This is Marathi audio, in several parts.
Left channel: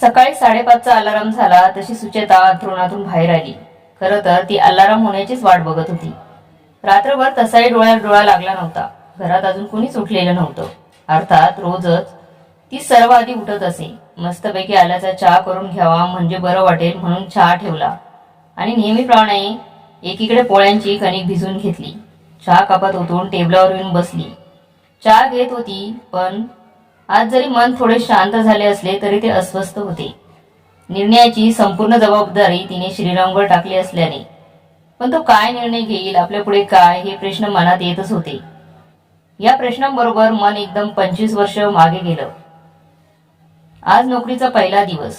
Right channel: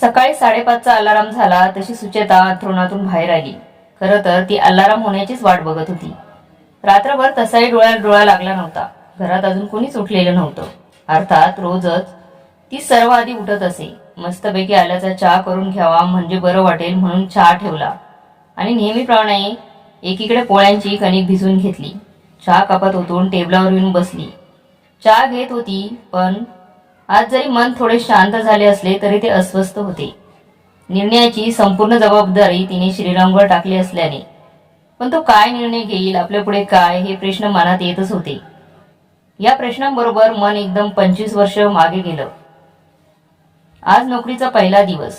सकाळी 5:30चा अलाराम झाला तशी सुचेता अंथरुणातून बाहेर आली. खरं तर ती अलाराम होण्याचीच वाट बघत होती. रात्रभर तसाही डोळ्यात डोळा लागला नव्हता. घरात अजून कोणीच उठलेलं नव्हतं. अर्थात रोजच ती सर्व आधी उठत असे. मस्तपैकी आल्याचा चहा करून घ्यावा म्हणजे बरं वाटेल म्हणून चहा ठेवला आणि नेहमीप्रमाणे एकीकडे पोळ्यांची कणिक भिजून घेतली. चहा कपात ओतून टेबलावर येऊन बसली. चहा घेत होती, पण आज जरी मन थोडे शांत झाले असले तरी ते अस्वस्थ होते. निर्णयाची संपूर्ण जबाबदारी तिने श्रीरामवर टाकली असल्याने. पण तो काय निर्णय घेईल, आपल्या पुढे काय, हे प्रश्न मनात येतच होते. या प्रश्नांबरोबर मन एकदम 25 वर्ष मागे गेलं. आज नोकरीचा पहिला दिवस.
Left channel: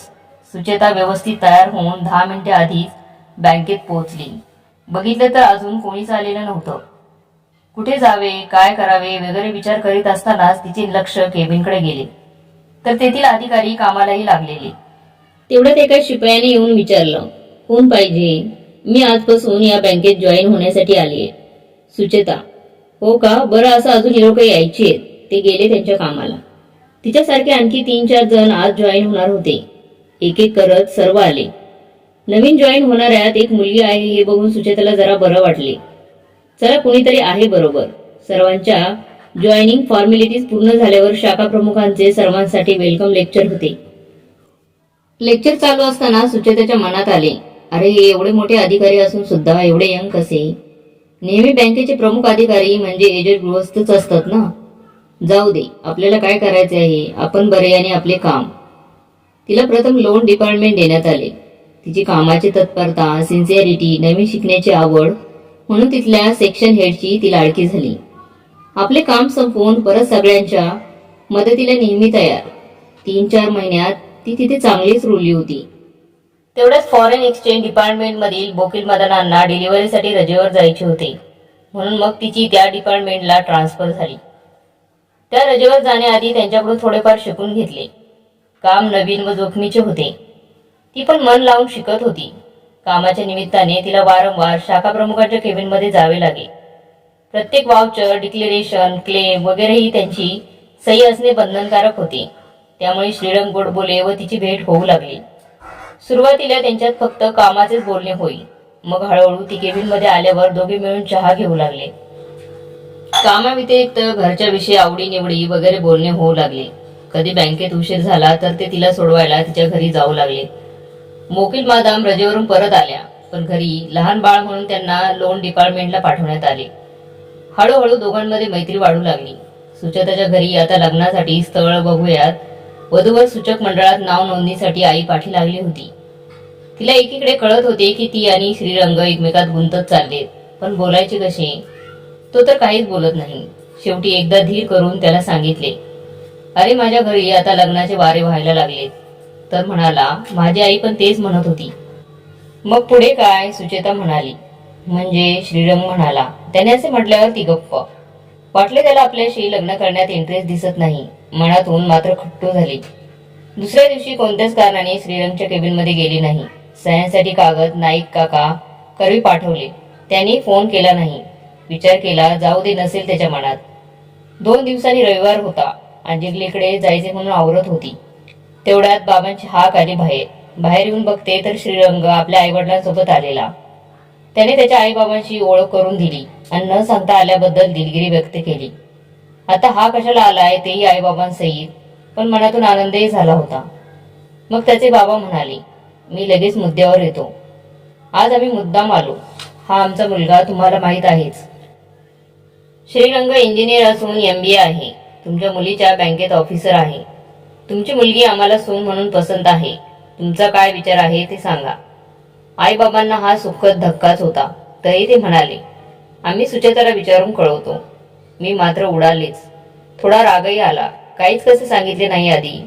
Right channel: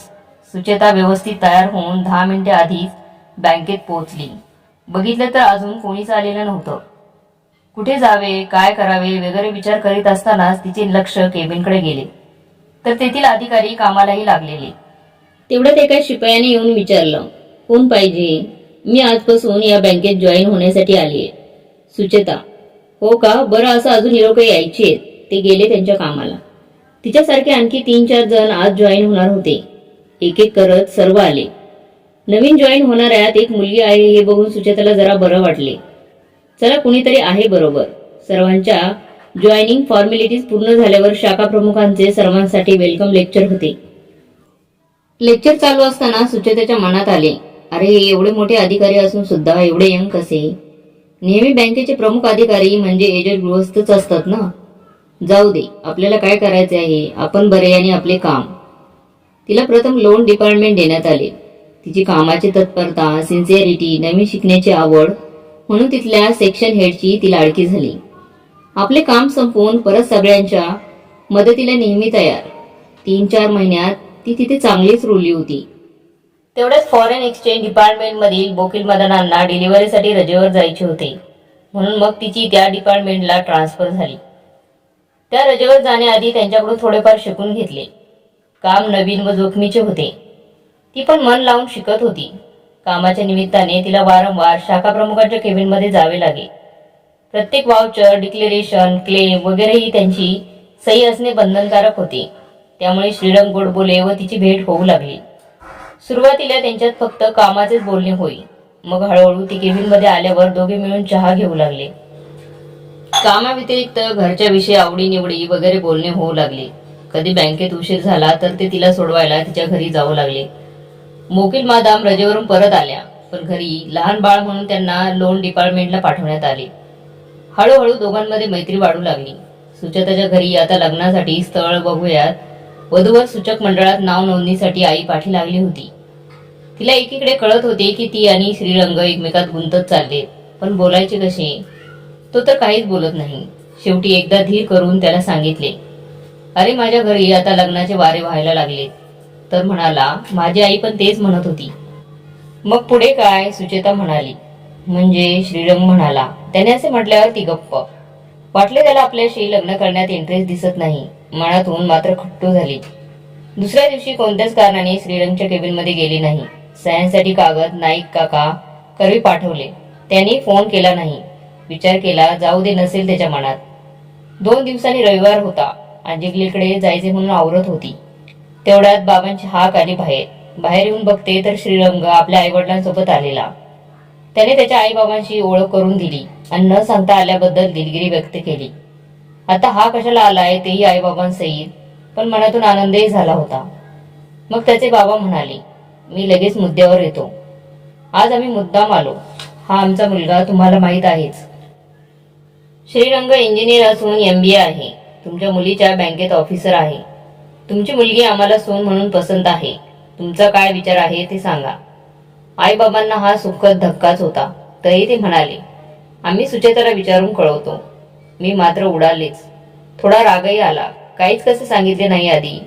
सुचेता व्यवस्थित तयार होऊन 10 मिनिटे आधीच बँकेत पोहोचली. बघितलं तर अजून कोणीच आलेलं नव्हतं. कुठे जावे, काय करावे वगैरे विचार करीत असतानाच तिचे लक्ष केबिनकडे गेले. तर तेथील अधिकारी कामालाही लागलेले. तेवढ्यात एका शिपायाने येऊन विचारलं, कोण पाहिजे? मी आजपासून या बँकेत जॉईन होण्यासाठी आली आहे. सुचेता, हो का, बरं, असं अजून लोक यायची आहेत. ते गेले त्यांच्या कामाला. तिच्यासारखे आणखी 3-4 जण आज जॉईन होणार होते. एक एक करत सर्व आले. नवीन जॉईन होणाऱ्यात एक मुलगी आहे हे बघून सुचेताला जरा बरं वाटले. चला, कुणीतरी आहे बरोबर. सर्वांच्या जॉईनिंग फॉर्मॅलिटीज पूर्ण झाल्यावर शाखा प्रमुखांचे सर्वांसाठी वेलकम लेक्चर होते. लेक्चर चालू असताना सुचेताच्या मनात आले, अरे, हे एवढे मोठे अधिकारी असून सुद्धा एवढे यंग कसे? नेहमी बँकेचे प्रमुख अधिकारी म्हणजे एजेड गृहस्थच असतात ना. जाऊ दे, आपल्याला काय करायचे आहे, आपण बरे आणि आपले काम. तिला प्रथम लोन डिपार्टमेंट देण्यात आले. तिची कामाची तत्परता, सिन्सिअरिटी, नवीन शिकण्याची आवड म्हणून तिथल्या सेक्शन हेडची ती लाडकी झाली. आपले काम संपवून परत सगळ्यांच्या मदतीला नेहमी तयार. 3-4 महिन्यात ती तिथे चांगलीच रुळली होती. तेवढ्याच फॉरेन एक्सचेंज डिपार्टमेंटमधील बोकील मदनांना डिलिव्हरीसाठी रजेवर जायचे होते. म्हणून मग तिची त्या डिपार्टमेंटला ट्रान्सफर झाली. त्या रजेवर जाण्याआधी त्यांच्याकडून थोडेफार शिकून घेतले. काम नवीन व जोखमीचे होते. ती पण मन लावून शिकत होती. कामाच्या निमित्ताने तिला वारंवार शाखा प्रमुखांच्या केबिनमध्ये जावे लागे. प्रत्येक वाउचर, डिक्लेरेशन, क्लेम वगैरेही त्यांची सही असणे बंधनकारक होते. त्यामुळे श्रीरंग गोडबोले व तिची भेट होऊ लागली. सुरुवातीला त्यांच्यात फक्त कामाचेच बोलणे होई. मग हळूहळू ती केबिनमध्ये आल्यावर दोघे मिळून चहा घेऊ लागले. कामाव्यतिरिक्त घरच्या विषयी, आवडीनिवडी वगैरे बोलणे होऊ लागले. कधी बँकेत उशीर झाला तर ते तिला सोडवायला तिच्या घरी जाऊ लागले. मोकील मादाम रजेवरून परत आल्या, पण घरी लहान बाळ म्हणून त्यांना लोन डिपार्टमेंटला पाठवण्यात आले. हळूहळू दोघांमध्ये मैत्री वाढू लागली. सुचेताच्या घरी आता लग्नासाठी स्थळ बघूयात वधूवर सूचक मंडळात नाव नोंदणीसाठी आई पाठी लागली होती. तिला एकीकडे कळत होते की ती आणि श्रीरंग एकमेकात गुंतत चाललेत, पण बोलायचे कसे? तो तर काहीच बोलत नाही. शेवटी एकदा धीर करून त्याला सांगितले, अरे, माझ्या घरी आता लग्नाचे वारे व्हायला लागलेत. तर म्हणाला, माझी आई पण तेच म्हणत होती. मग पुढे काय? सुचेता म्हणाली. म्हणजे? श्रीरंग म्हणाला. त्याने असे म्हटल्यावर ती गप्प. वाटले त्याला आपल्याशी लग्न करण्यात इंटरेस्ट दिसत नाही. मनातून मात्र खट्टू झाली. दुसऱ्या दिवशी कोणत्याच कारणाने श्रीरंगच्या केबिनमध्ये गेली नाही. सह्यांसाठी कागद नाईक काका करवी पाठवले. त्यांनी फोन केला नाही. विचार केला, जाऊ दे, नसेल त्याच्या मनात. 2 दिवसांनी रविवार होता. अंजिगलीकडे जायचे म्हणून आवरत होती. तेवढ्यात बाबांची हाक आली बाहेर. बाहेर येऊन बघते तर श्रीरंग आपल्या आईवडिलांसोबत आलेला. त्याने त्याच्या आईबाबांशी ओळख करून दिली आणि न सांगता आल्याबद्दल दिलगिरी व्यक्त केली. आता हा कशाला आलाय तेही आईबाबांसहित, पण मनातून आनंदही झाला होता. मग त्याचे बाबा म्हणाले, मी लगेच मुद्द्यावर येतो. आज आम्ही मुद्दाम आलो. हा आमचा मुलगा तुम्हाला माहीत आहेच. श्रीरंग इंजिनियर असून MBA आहे. तुमच्या मुलीच्या बँकेत ऑफिसर आहे. तुमची मुलगी आम्हाला सून म्हणून पसंत आहे. तुमचा काय विचार आहे ते सांगा. आईबाबांना हा सुखद धक्काच होता. तरी ते म्हणाले, आम्ही सुचेताला विचारून कळवतो. मी मात्र उडालेच. थोडा रागही आला. काहीच कसे सांगितले नाही आधी,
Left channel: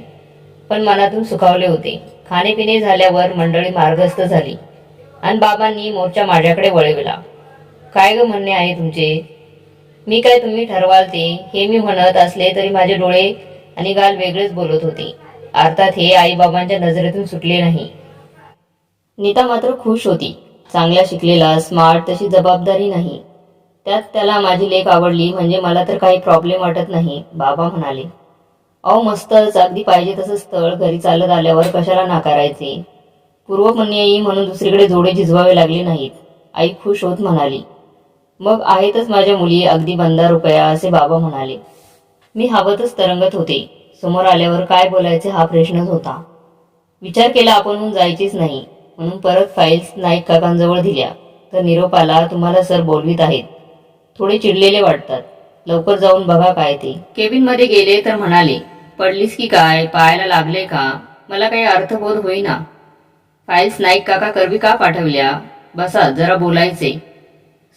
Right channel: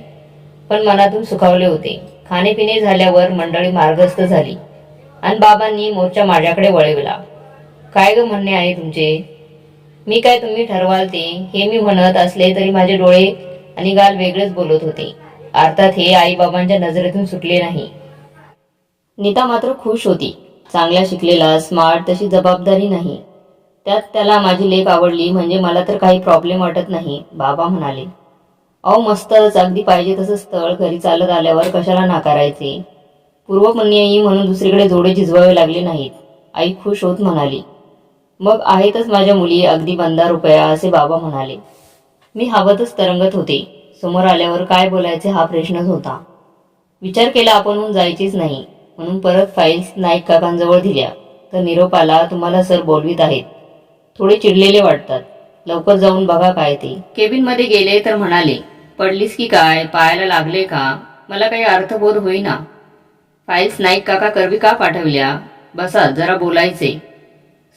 पण मनातून सुखावले होते. खाणेपिणे झाल्यावर मंडळी मार्गस्थ झाली आणि बाबांनी मोर्चा माझ्याकडे वळविला. काय ग म्हणणे आहे तुमचे? मी काय तुम्ही ठरवाल ते, हे मी म्हणत असले तरी माझे डोळे आणि गाल वेगळेच बोलत होते. अर्थात हे आईबाबांच्या नजरेतून सुटले नाही. नीता मात्र खुश होती. चांगला शिकलेला, स्मार्ट, तशी जबाबदारी नाही. त्यात त्याला माझी लेक आवडली म्हणजे मला तर काही प्रॉब्लेम वाटत नाही, बाबा म्हणाले. अहो मस्तच, अगदी पाहिजे तसं स्थळ घरी चालत आल्यावर कशाला नाकारायचे. पूर्वपुण्याई म्हणून दुसरीकडे जोडे झिजवावे लागले नाहीत. आई खुश होत म्हणाली. मग आहेतच माझ्या मुली, अगदी 15 रुपया, असे बाबा म्हणाले. मी हवतच तरंगत होते. समोर आल्यावर काय बोलायचे हा प्रश्नच होता. विचार केला आपणहून जायचीच नाही, म्हणून परत फाईल्स नाईक काकांजवळ दिल्या. तर निरोप आला, तुम्हाला सर बोलवीत आहेत. थोडे चिडलेले वाटतात, लवकर जाऊन बघा काय ते. केबिनमध्ये गेले तर म्हणाले, पडलीस की काय, पायाला लागले का? मला काही अर्थबोध होईना. फाईल्स नाईक काका करवी का पाठवल्या? बसा, जरा बोलायचे.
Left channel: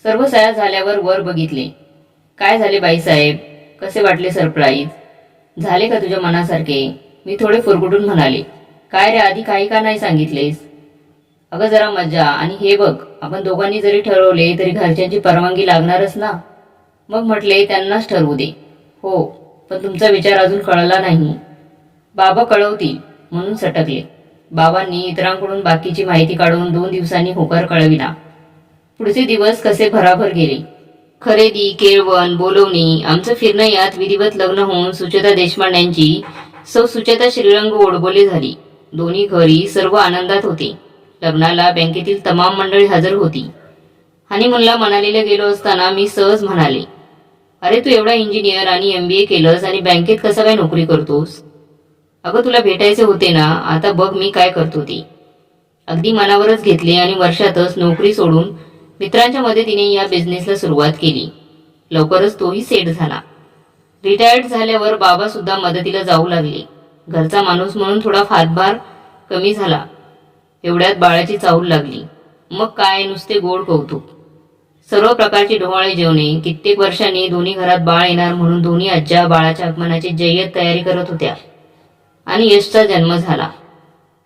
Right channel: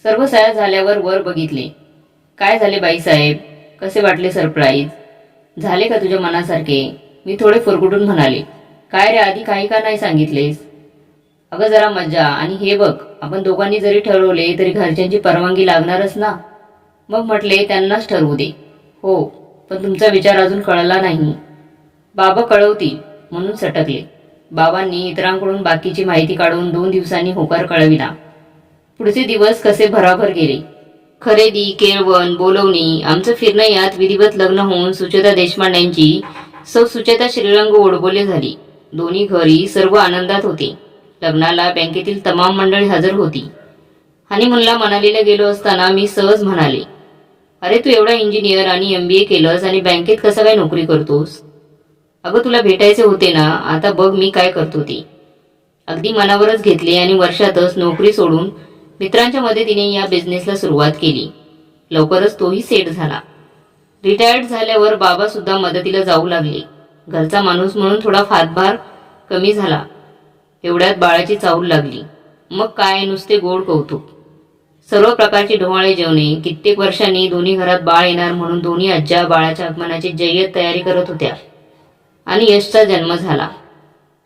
सर्व सह्या झाल्यावर वर बघितले. काय झाले बाईसाहेब, कसे वाटले सरप्राईज? झाले का तुझ्या मनासारखे? मी थोडे फुरकुटून म्हणाले. काय रे, आधी काही का नाही सांगितलेस? अगं जरा मजा, आणि हे बघ, आपण दोघांनी जरी ठरवले तरी घरच्यांची परवानगी लागणारच ना. मग म्हटले त्यांनाच ठरवू दे. हो, पण तुमचा विचार अजून कळला नाही. बाबा कळवतील म्हणून सटकले. बाबांनी इतरांकडून बाकीची माहिती काढून 2 दिवसांनी होकार कळविला. पुढचे दिवस कसे भराभर गेले. खरेदी, केळवण, बोलवणी, आमचं फिरणं यात विधिवत लग्न होऊन सुचेता देशपांड्यांची सौ सुचेता श्रीरंग ओढबोले झाली. दोन्ही घरी सर्व आनंदात होते. लग्नाला बँकेतील तमाम मंडळी हजर होती. हनीमूनला मनालीला गेलो असताना मी सहज म्हणाले, अरे तू एवढा इंजिनियर आणि MBA केलंस आणि बँकेत कसा काय नोकरी करतोस? अगं तुला भेटायचे होते ना, आता बघ मी काय करतो ते. अगदी मनावरच घेतले आणि वर्षातच नोकरी सोडून मित्रांच्या मदतीने या बिझनेसला सुरुवात केली. लवकरच तोही सेट झाला. रिटायर्ड झाल्यावर बाबा सुद्धा मदतीला जाऊ लागले. घरचा माणूस म्हणून थोडा हातभार कमी झाला. एवढ्यात बाळाची चाहूल लागली. मग काय, नुसते गोड कौतुक. सर्व प्रकारची डोहाळे जेवणे. कित्येक वर्षांनी दोन्ही घरात बाळ येणार म्हणून दोन्ही आज्या बाळाच्या आगमनाची जय्यत तयारी करत होत्या. आणि यशचा जन्म झाला.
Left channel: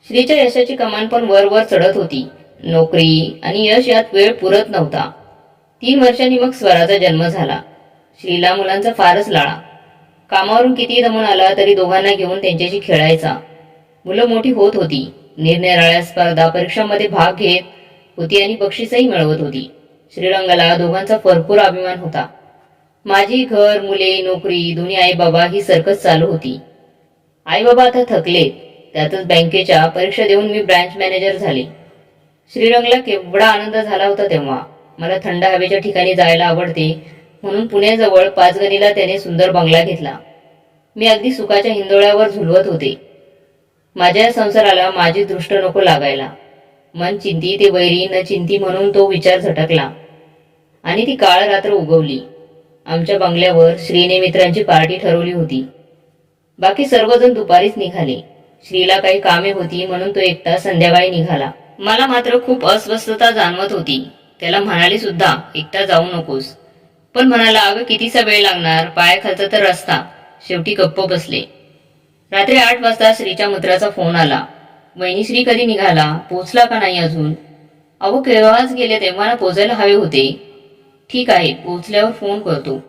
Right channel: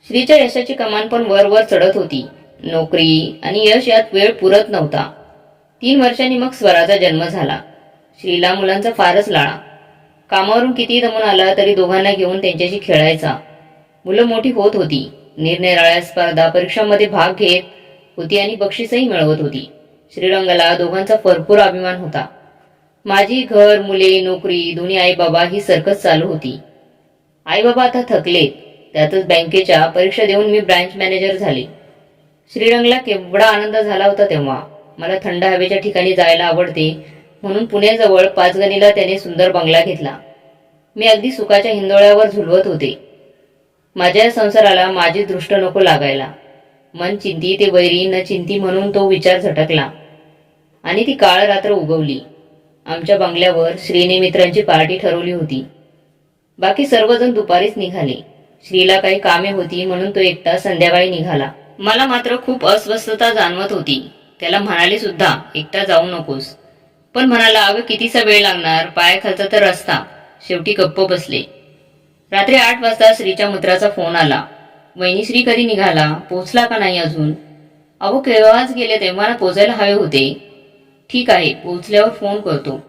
श्रीच्या यशाची कमान पण वर वर चढत होती. नोकरी आणि यश यात वेळ पुरत नव्हता. 3 वर्षांनी मग स्वराचा जन्म झाला. श्रीला मुलांचा फारच लाळा. कामावरून कितीही दमून आला तरी दोघांना घेऊन त्यांच्याशी खेळायचा. मुलं मोठी होत होती. निरनिराळ्या स्पर्धा परीक्षांमध्ये भाग घेत होती आणि बक्षीसही मिळवत होती. श्रीरंगाला दोघांचा भरपूर अभिमान होता. माझी घर, मुले, नोकरी, दोन्ही आईबाबा ही सर्कस चालू होती. आईबाबा आता थकलेत. त्यातच बँकेच्या परीक्षा देऊन मी ब्रँच मॅनेजर झाले. श्रीरंगला केवढा आनंद झाला होता तेव्हा. मला थंड हवेच्या ठिकाणी जायला आवडते म्हणून पुण्याजवळ पाचगणीला त्याने सुंदर बंगला घेतला. मी अगदी सुखाच्या हिंदोळ्यावर झुलवत होते. माझ्या या संसाराला माझी दृष्ट नको लागायला. मन चिंती ते वैरी न चिंती म्हणून तो विचार झटकला आणि ती काळ रात्र उगवली. आमच्या बंगल्यावर श्रीने मित्रांची पार्टी ठरवली होती. बाकी सर्वजण दुपारीच निघाले. श्रीला काही कामे होती म्हणून तो एकटा संध्याकाळी निघाला. मला मात्र खूप अस्वस्थता जाणवत होती. त्याला म्हणाले सुद्धा, एकटा जाऊ नकोस. पण म्हणाला, अगं कितीसा वेळ लागणार, पायाखालचा तर रस्ता. शेवटी गप्प बसले. रात्री 8 वाजता श्रीच्या मित्राचा फोन आला. वहिनी, श्री कधी निघाला, पोचला का नाही अजून? अहो केव्हाच गेले, तेव्हा पोचायला हवे होते. ठीक आहे, पोचल्यावर फोन करतो.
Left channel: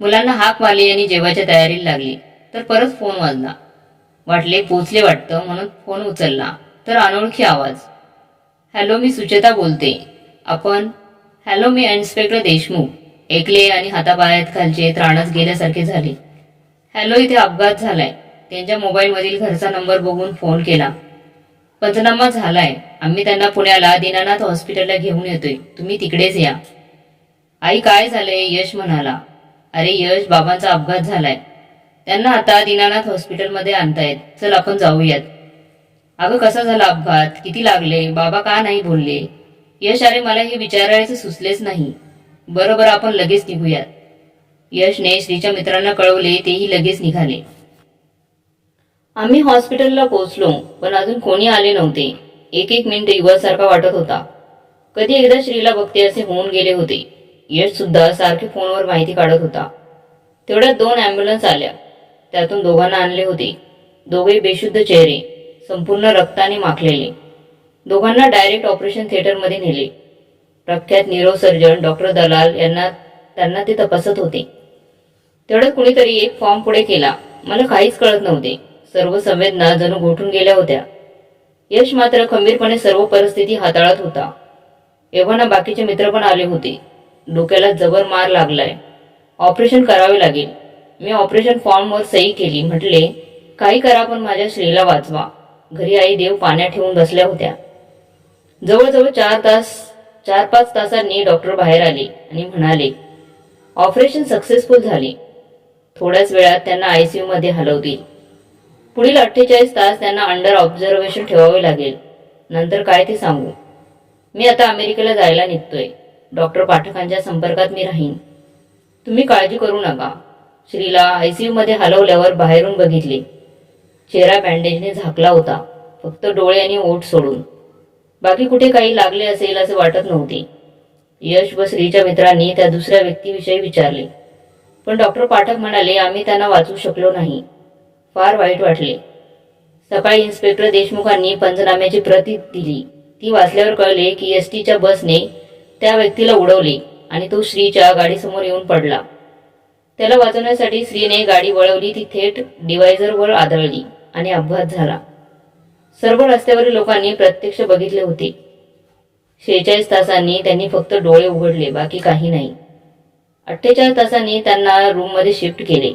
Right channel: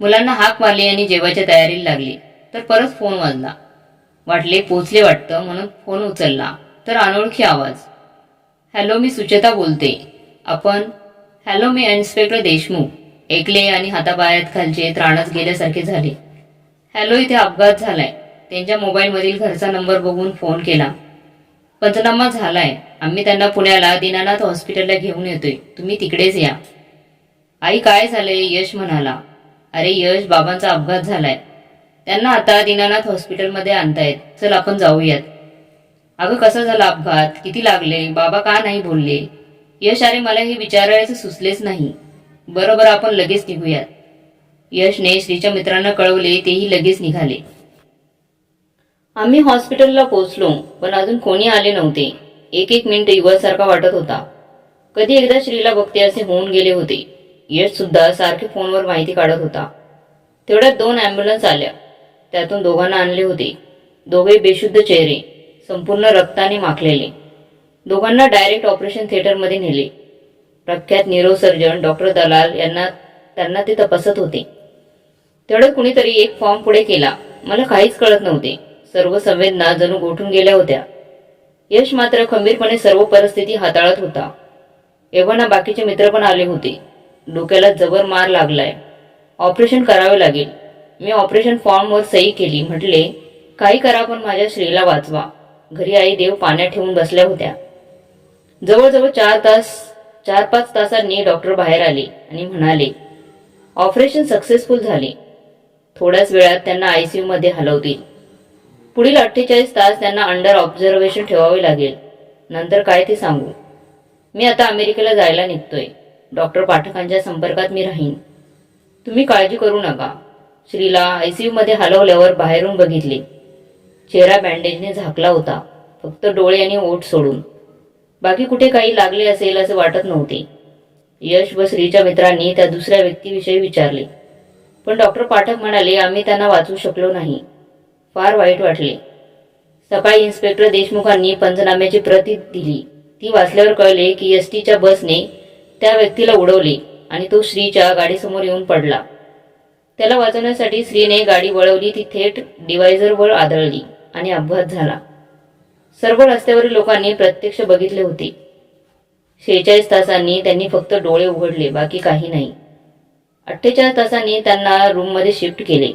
मुलांना हाक मारली आणि जेवायच्या तयारीला लागली तर परत फोन वाजला. वाटले पोचले वाटतं म्हणून फोन उचलला तर अनोळखी आवाज. हॅलो, मी सुचेता बोलते. आपण? हॅलो, मी इन्स्पेक्टर देशमुख. ऐकले आणि हातापायात खालचे त्राणच गेल्यासारखे झाले. हॅलो, इथे अपघात झालाय. त्यांच्या मोबाईलमधील घरचा नंबर बघून फोन केला. पंचनामा झालाय. आम्ही त्यांना पुण्याला दीनानाथ हॉस्पिटलला घेऊन येतोय, तुम्ही तिकडेच या. आई, काय झालंय? यश म्हणाला. अरे यश, बाबांचा अपघात झालाय. त्यांना आता दीनानाथ हॉस्पिटलमध्ये आणतायत. चल आपण जाऊयात. अगं कसा झाला अपघात, किती लागले, बाबा का नाही बोलले? यश, अरे मला हे विचारायचं सुचलेच नाही. बरोबर, आपण लगेच निघूयात. यशने श्रीच्या मित्रांना कळवले. तेही लगेच निघाले. आम्ही हॉस्पिटलला पोहोचलो पण अजून कोणी आले नव्हते. एक मिनिट युवासारखा वाटत होता. कधी एकदा श्रीला बघते असे होऊन गेले होते. यश सुद्धा सारखे फोनवर माहिती काढत होता. तेवढ्यात 2 ॲम्ब्युलन्स आल्या. त्यातून दोघांना आणले होते. दोघे बेशुद्ध चेहरे, संपूर्ण रक्ताने माखलेले. दोघांना डायरेक्ट ऑपरेशन थिएटरमध्ये नेले. प्रख्यात न्यूरोसर्जन डॉक्टर दलाल त्यांना ते तपासत होते. तेवढ्यात कुणीतरी एक फॉर्म पुढे केला. मला काहीच कळत नव्हते. सर्व संवेदना जणू गोठून गेल्या होत्या. यश मात्र खंबीरपणे सर्व परिस्थिती हाताळत होता. एव्हाना बाकीचे मित्र पण आले होते. डोक्याला जबर मार लागलाय. ऑपरेशन करावे लागेल. मी ऑपरेशन फॉर्मवर सही केली. म्हटले, काही करा पण माझ्या श्रीला वाचवा. घरी आई देव पाण्यात ठेवून बसल्या होत्या. जवळजवळ 4-5 तासांनी डॉक्टर बाहेर आले आणि म्हणाले, ऑपरेशन सक्सेसफुल झाले. थोड्याच वेळात त्यांना ICU मध्ये हलवतील. पुढील 48 तास त्यांना अंडर ऑब्झर्वेशन ठेवावे लागेल. नंतर काय ते सांगू. मी आता अमेरिकेला जायला निघतोय. डॉक्टर पाठकांच्या संपर्कात मी राहीन. तुम्ही काळजी करू नका. श्रीला ICU मध्ये हलवल्यावर बाहेरून बघितले. चेहरा बँडेजने झाकला होता, फक्त डोळे आणि ओठ सोडून. बाकी कुठे काही लागले असेल असे वाटत नव्हते. यश व श्रीच्या मित्रांनी त्या दुसऱ्या व्यक्तीविषयी विचारले, पण डॉक्टर पाठक म्हणाले, आम्ही त्यांना वाचवू शकलो नाही. फार वाईट वाटले. सकाळी इन्स्पेक्टर देशमुखांनी पंचनाम्याची प्रत दिली. ती वाचल्यावर कळले की STच्या बसने त्या व्यक्तीला उडवले आणि तो श्रीच्या गाडीसमोर येऊन पडला. त्याला वाचवण्यासाठी श्रीने गाडी वळवली. ती थेट डिवायझरवर आदळली आणि अपघात झाला. सर्व रस्त्यावरील लोकांनी प्रत्यक्ष बघितले होते. 46 तासांनी त्यांनी फक्त डोळे उघडले, बाकी काही नाही. 48 तासांनी त्यांना रूममध्ये शिफ्ट केले.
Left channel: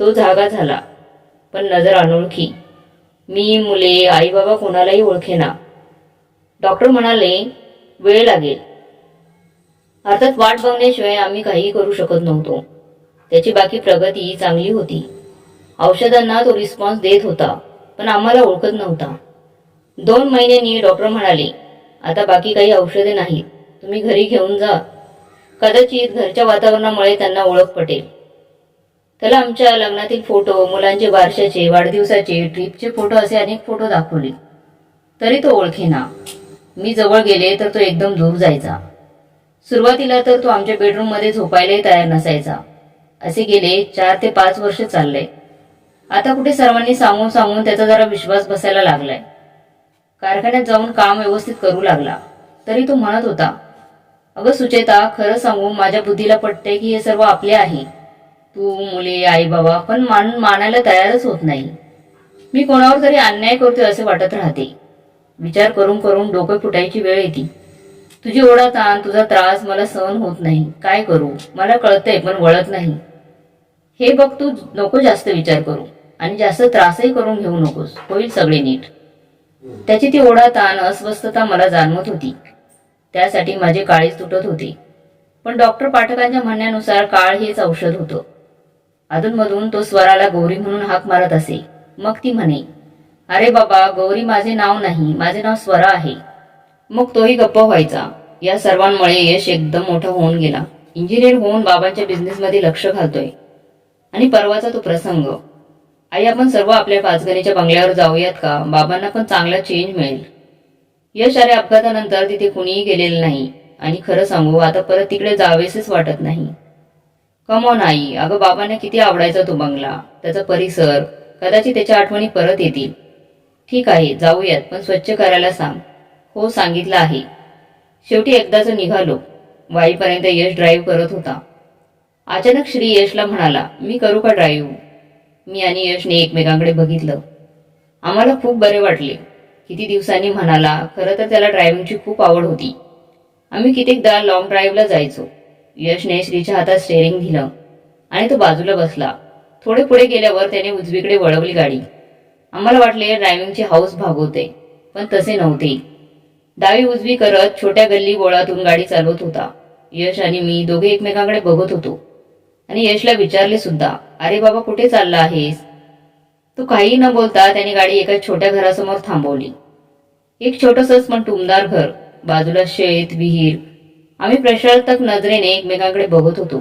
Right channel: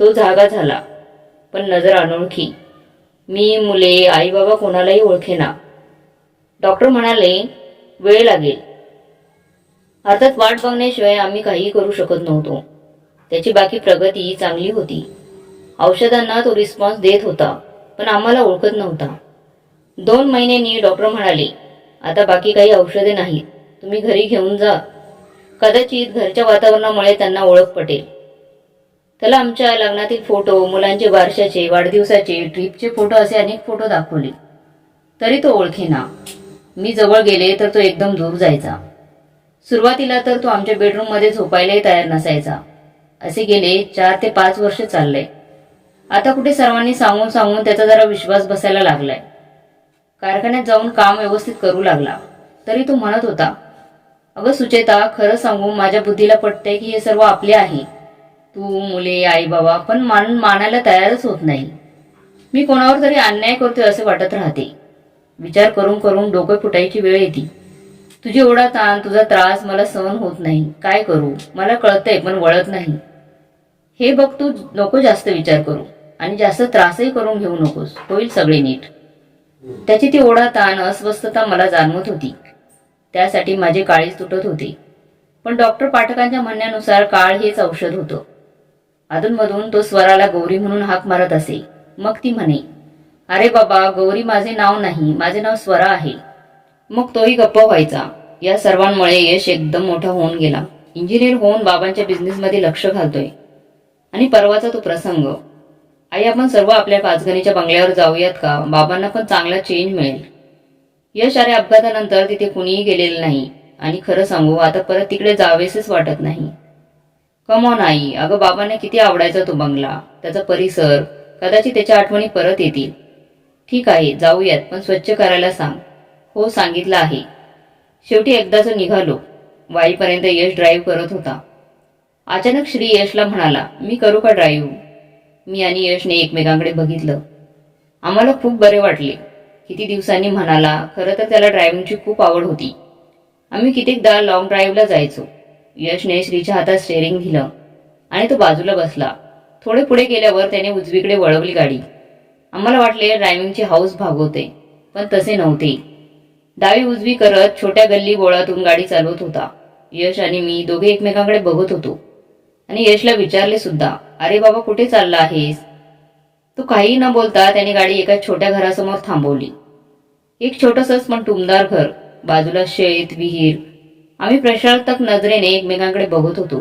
तो जागा झाला, पण नजर अनोळखी. मी, मुले, आई बाबा कोणालाही ओळखेना. डॉक्टर म्हणाले, वेळ लागेल. अर्थात वाट बघण्याशिवाय आम्ही काहीही करू शकत नव्हतो. त्याची बाकी प्रगती चांगली होती. औषधांना तो रिस्पॉन्स देत होता, पण आम्हाला ओळखत नव्हता. 2 महिन्यांनी डॉक्टर म्हणाले, आता बाकी काही औषधे नाहीत, तुम्ही घरी घेऊन जा. कदाचित घरच्या वातावरणामुळे त्यांना ओळख पटेल. त्याला आमच्या लग्नातील फोटो, मुलांचे बारशाचे, वाढदिवसाचे, ट्रिपचे फोटो असे अनेक फोटो दाखवले, तरी तो ओळखेना. मी जवळ गेले तर तो एकदम दूर जायचा. सुरुवातीला तर तो आमच्या बेडरूममध्ये झोपायलाही तयार नसायचा. असे गेले 4 ते 5 वर्ष चालले. आता कुठे सर्वांनी सांगून सांगून त्याचा जरा विश्वास बसायला लागलाय. कारखान्यात जाऊन काम व्यवस्थित करू लागला. तरी तो म्हणत होता, अगं सुचेता, खरं सांगू, माझ्या बुद्धीला पटते की हे सर्व आपले आहे. तू, मुले, आई बाबा, पण मानायला तयारच होत नाही. मी कोणावर तरी अन्याय करतोय असे वाटत राहते. विचार करून करून डोकं फुटायची वेळ येते. तुझी ओढा ताण, तुझा त्रास मला सहन होत नाही. काय करू, मला कळतंय पण वळत नाही. हे बघ, तू नको जास्त विचार करू आणि जास्त त्रासही करून घेऊ नकोस, होईल सगळे नीट. त्याची ती ओढा ताण, अस्वस्थता मला जाणवत होती. त्यासाठी माझे काळीज तुटत होते. पण डॉक्टर पाठकांच्या म्हणण्यानुसार काळ हेच औषध होतं. अधूनमधून तो स्वराला गौरी म्हणून हाक मारत असे. मग ती म्हणे, अरे बाबा, गौरी माझे नाव नाही, माझे नाव स्वरा आहे. मग तोही गप्प व्हायचा. या सर्वांमुळे यश एकदम मोठा होऊन गेला. इंजिनियर होऊन बाबांच्या बिझनेसमध्ये लक्ष घालतोय. आणि परवाचा तो प्रसंग, आई आपण सर्व आपल्या पाचगणीच्या बंगल्यावर जाऊयात का, बाबांना पण चांगला चेंज मिळेल. यश अरे अपघातानंतर तिथे कुणीही गेलेलं नाही आणि खरं सांगू आता परत तिकडे जावेसेच वाटत नाही. कमॉन आई, अगं बाबांना किती आवडायचा तो बंगला, त्याचा परिसर, कदाचित त्याच्या आठवणी परत येतील. ठीक आहे जाऊयात, पण स्वच्छ करायला सांग. हो सांगितलं आहे. शेवटी एकदाच निघालो. वाईपर्यंत यश ड्राईव्ह करत होता. अचानक श्री यशला म्हणाला, मी करू का ड्राईव्ह. मी आणि यशने एकमेकांकडे बघितलं. आम्हाला खूप बरे वाटले. किती दिवसांनी म्हणाला. खरं तर त्याला ड्रायव्हिंगची खूप आवड होती. आम्ही कित्येकदा लॉंग ड्राईव्हला जायचो. यशने श्रीच्या हातात स्टेअरिंग दिलं आणि तो बाजूला बसला. थोडे पुढे गेल्यावर त्याने उजवीकडे वळवली गाडी. आम्हाला वाटले ड्रायव्हिंगची हाऊस भागवते, पण तसे नव्हते. डावी उजवी करत छोट्या गल्ली बोळातून गाडी चालवत होता. यश आणि मी दोघे एकमेकांकडे बघत होतो आणि यशला विचारले सुद्धा, अरे बाबा कुठे चालला आहेस. तो काही न बोलता त्याने गाडी एका छोट्या घरासमोर थांबवली. एक छोटंसंच पण टुमदार घर, बाजूला शेत, विहीर. आम्ही प्रश्नार्थक नजरेने एकमेकांकडे बघत होतो.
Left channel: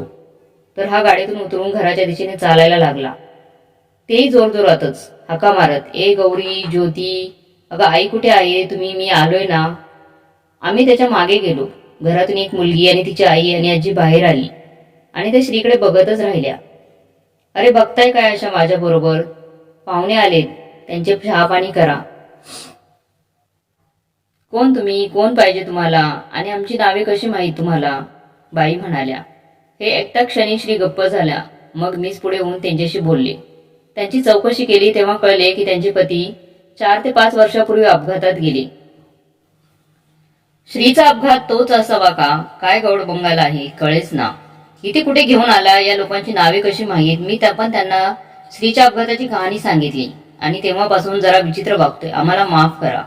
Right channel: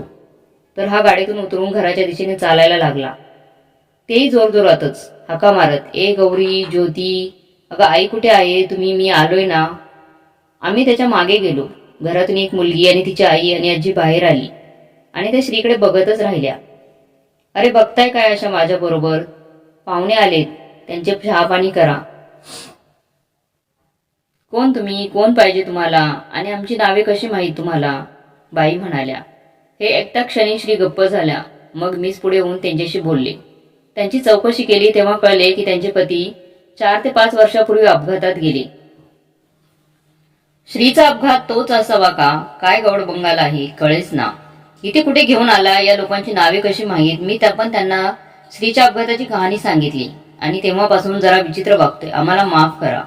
तर हा गाडीतून उतरून घराच्या दिशेने चालायला लागला. तेही जोरजोरातच हाका मारत, ए गौरी, ज्योती, अगं आई कुठे आहे तुम्ही, मी आलोय ना. आम्ही त्याच्या मागे गेलो. घरातून एक मुलगी आणि तिची आई आणि आजी बाहेर आली आणि त्या श्रीकडे बघतच राहिल्या. अरे बघताय काय अशा माझ्या बरोबर, पाहुणे आलेत, त्यांचे चहा पाणी करा. कोण तुम्ही, कोण पाहिजे तुम्हाला, आणि आमची नावे कशी माहीत तुम्हाला, बाई म्हणाल्या. हे ऐकता क्षणी श्री गप्प झाल्या. मग मीच पुढे होऊन त्यांच्याशी बोलले. त्यांची चौकशी केली तेव्हा कळले की त्यांचे पती 4 ते 5 वर्षापूर्वी अपघातात गेले. श्रीचा अपघात तोच असावा का, काय गौड बंगाल आहे, कळेच ना. इथे कुठे घेऊन आला, या लोकांची नावे कशी माहीत, मी पण त्यांना श्रीच्या अपघाताची कहाणी सांगितली आणि तेव्हापासून जरा विचित्र वागतोय, आम्हाला माफ करा.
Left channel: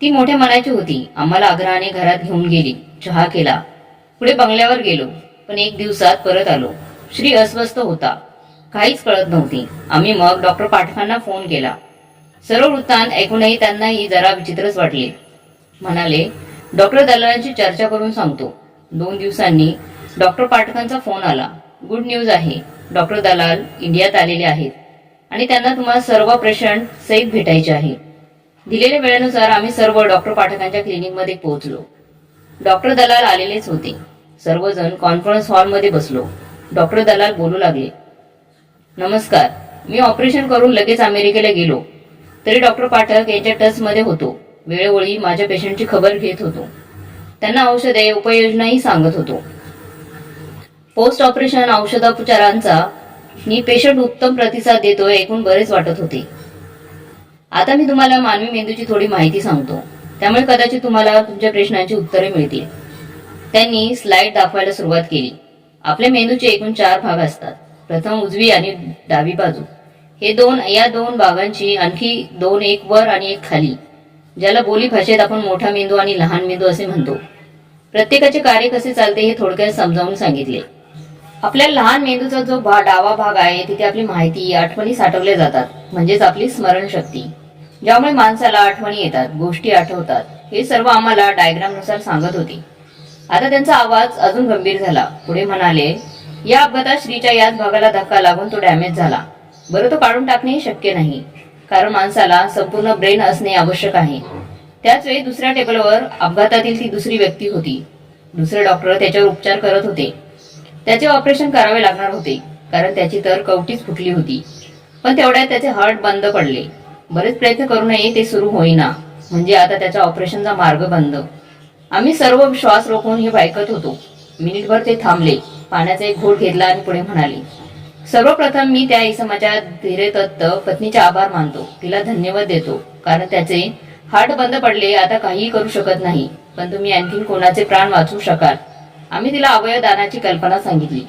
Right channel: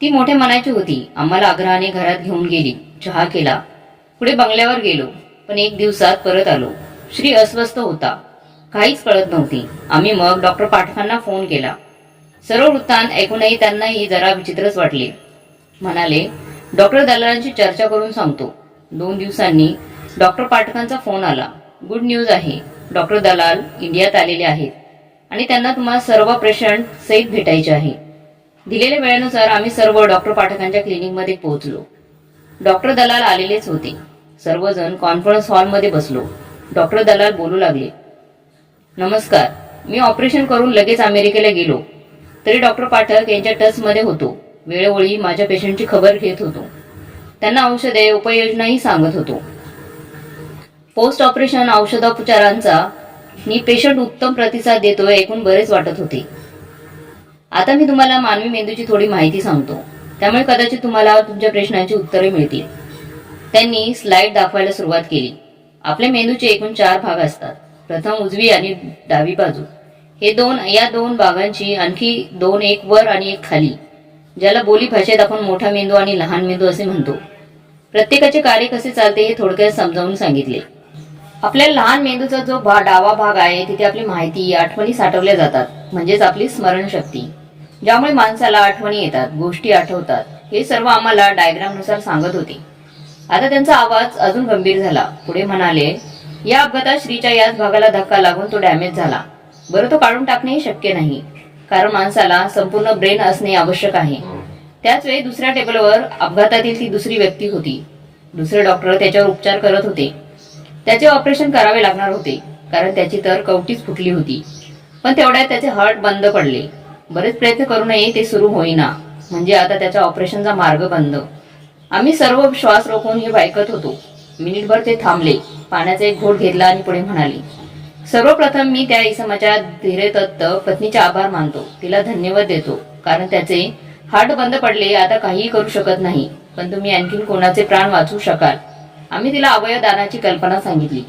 ती मोठ्या मनाची होती. आम्हाला आग्रहाने घरात घेऊन गेली, चहा केला, पुढे बंगल्यावर गेलो. पण एक दिवसात परत आलो. श्री अस्वस्थ होता, काहीच कळत नव्हती. आम्ही मग डॉक्टर पाठकांना फोन केला. सर्व वृत्तांत ऐकूनही त्यांनाही जरा विचित्रच वाटले. म्हणाले, डॉक्टर दलालांची चर्चा करून सांगतो. 2 दिवसांनी डॉक्टर पाठकांचा फोन आला. गुड न्यूज आहे, डॉक्टर दलाल इंडियात आलेले आहेत आणि त्यांना तुम्हाला सर्व पेशंट सहित भेटायचे आहे. दिलेल्या वेळेनुसार आम्ही सर्व डॉक्टर पाठकांच्या क्लिनिकमध्ये पोहोचलो. डॉक्टर दलाल आलेलेच होते. सर्वजण कॉन्फरन्स हॉलमध्ये बसलो. डॉक्टर दलाल बोलू लागले, नमस्कार, मी ऑपरेशन करून लगेच अमेरिकेला गेलो, तरी डॉक्टर पाठक यांच्या टचमध्ये होतो. वेळोवेळी माझ्या पेशंटची खबर घेत होतो, त्यांना औषधे उपाययोजनाही सांगत होतो. पोस्ट ऑपरेशन औषधोपचारांचा पेशंट उत्तम प्रतिसाद देतोय ऐकून बरेच वाटत होते. आता मी तुम्हाला मानवी मेंदूची थोडी माहिती सांगतो, त्यामुळे कदाचित तुम्हाला तुमच्या प्रश्नांची उत्तरे मिळतील. त्यांनी स्लाइड दाखवायला सुरुवात केली. आपल्या मेंदूचे एकूण 4 भाग असतात. प्रथम उजवी आणि डावी बाजू. या दोन भागांची आणखी 2, एक वर आणि एक खाली, ज्याला बोली भाषेत आपण मोठा मेंदू आणि लहान मेंदू असे म्हणतो. प्रत्येकाचे कार्य कसे चालते हे थोडक्यात समजावून सांगितले. आपल्या लहान मेंदूचा जो डावा भाग आहे तिथे आपली माहिती, आठवणी साठवल्या जातात, म्हणजेच आपली स्मरणशक्ती, ज्यामुळे माणसाला आठवणी येतात, गोष्टी आठवतात. हे सर्व आम्हाला डायग्रामनुसार सांगत होते. आता त्यांचा आवाज अजून गंभीर झाला. पुढे म्हणाले, या अपघातात श्रीच्या याच भागाला धक्का लागून तो डॅमेज झाला. बरं, तो काढून टाकणेही शक्य नाही, कारण माणसाला संपूर्ण ब्रेन असणे आवश्यक आहे. त्याच वेळी दुसऱ्या टेबलवर अपघातातील ती दुसरी व्यक्ती होती. दुसरे डॉक्टर त्याच्यावर उपचार करत होते. त्याचे ऑपरेशन करावे लागणार होते, कारण त्याची तर कवटीच फुटली होती. पण तेवढ्यात त्याचे हार्ट बंद पडले. बरेच प्रयत्न करूनही ते सुरू होईना, म्हणजे आता त्याच्या ऑपरेशनचा मार्ग बंद. आम्ही सर्व श्वास रोखून हे ऐकत होतो. मिनिटभर ते थांबले, पाण्याचा एक घोट घेतला आणि पुढे म्हणाले, सर्वप्रथम मी त्या इसमाच्या धीरेतत्त पत्नीचे आभार मानतो. तिला धन्यवाद देतो, कारण त्याचे हार्ट बंद पडले. आता काहीही करू शकत नाही, पण तुम्ही आणखीन कोणाचे प्राण वाचवू शकाल. आम्ही तिला अवयव दानाची कल्पना सांगितली.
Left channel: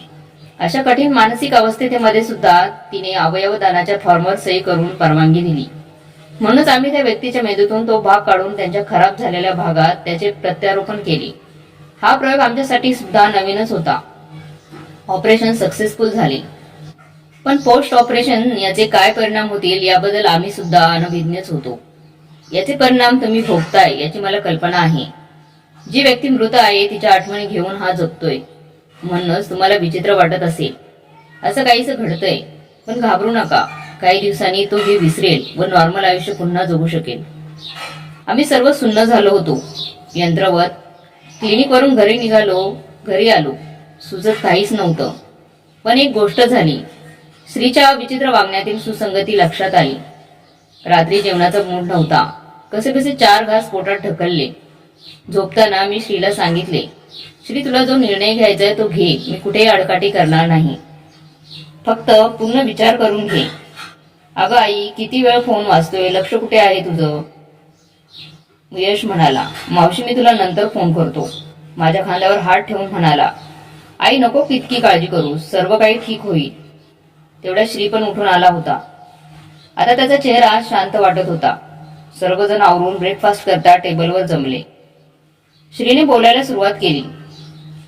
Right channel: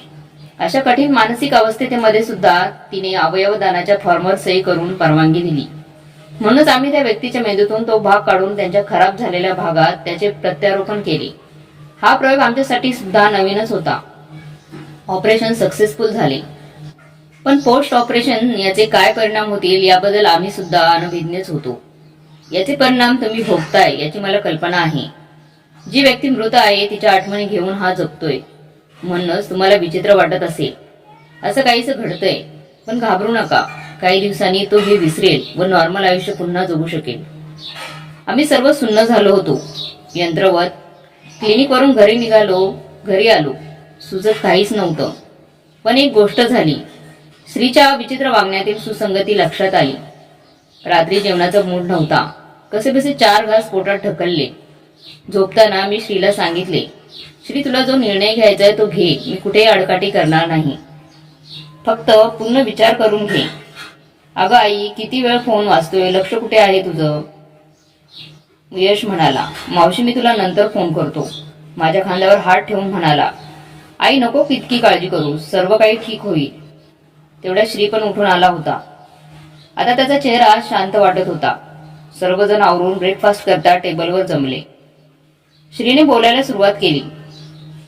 अशा कठीण मानसिक अवस्थेमध्ये सुद्धा तिने अवयव दानाच्या फॉर्मवर सही करून परवानगी दिली. म्हणूनच आम्ही त्या व्यक्तीच्या मेंदूतून तो भाग काढून त्यांच्या खराब झालेल्या भागात त्याचे प्रत्यारोपण केले. हा प्रयोग आमच्यासाठी सुद्धा नवीनच होता. ऑपरेशन सक्सेसफुल झाले, पण पोस्ट ऑपरेशन याचे काय परिणाम होतील याबद्दल आम्ही सुद्धा अनभिज्ञच होतो. याचे परिणाम तुम्ही भोगताय याची मला कल्पना आहे. जी व्यक्ती मृत आहे तिच्या आठवणी घेऊन हा जगतोय. म्हणूनच तुम्हाला विचित्र वाटत असेल. असं काहीच घडतंय, पण घाबरू नका. काही दिवसांनी तो हे विसरेल व नॉर्मल आयुष्य पुन्हा जगू शकेल. आम्ही सर्व सुन्न झालो होतो. यंत्रवत क्लिनिकवरून घरी आलो. सुचत काहीच नव्हतं. पण एक गोष्ट झाली. श्रीच्या विचित्र वागण्यातील सुसंगती लक्षात आली. रात्री जेवणाचा मूड नव्हता. कसेबसे 4 घास पोटात ढकलले. झोपताना मी श्रीला सांगितले, श्री, तुला जो निर्णय घ्यायचा आहे तो घे. मी कुठेही आडकाठी करणार नाही. फक्त पूर्ण विचार करून घे. अगं आई, किती वेळ फोन वाजतोय, लक्ष कुठे आहे तुझं? यश म्हणाला, मावशी, मी तुला नंतर फोन करतो. माझ्या खांद्यावर हात ठेवून म्हणाला, आई नको इतकी काळजी करू, सर्व काही ठीक होईल. तेवढ्या श्री पण उठून आला होता. आता त्याचा चेहरा शांत वाटत होता. सर्वजण आवरून ब्रेकफास्ट करता टेबलवर जमले. श्रीने बोलायला सुरुवात केली,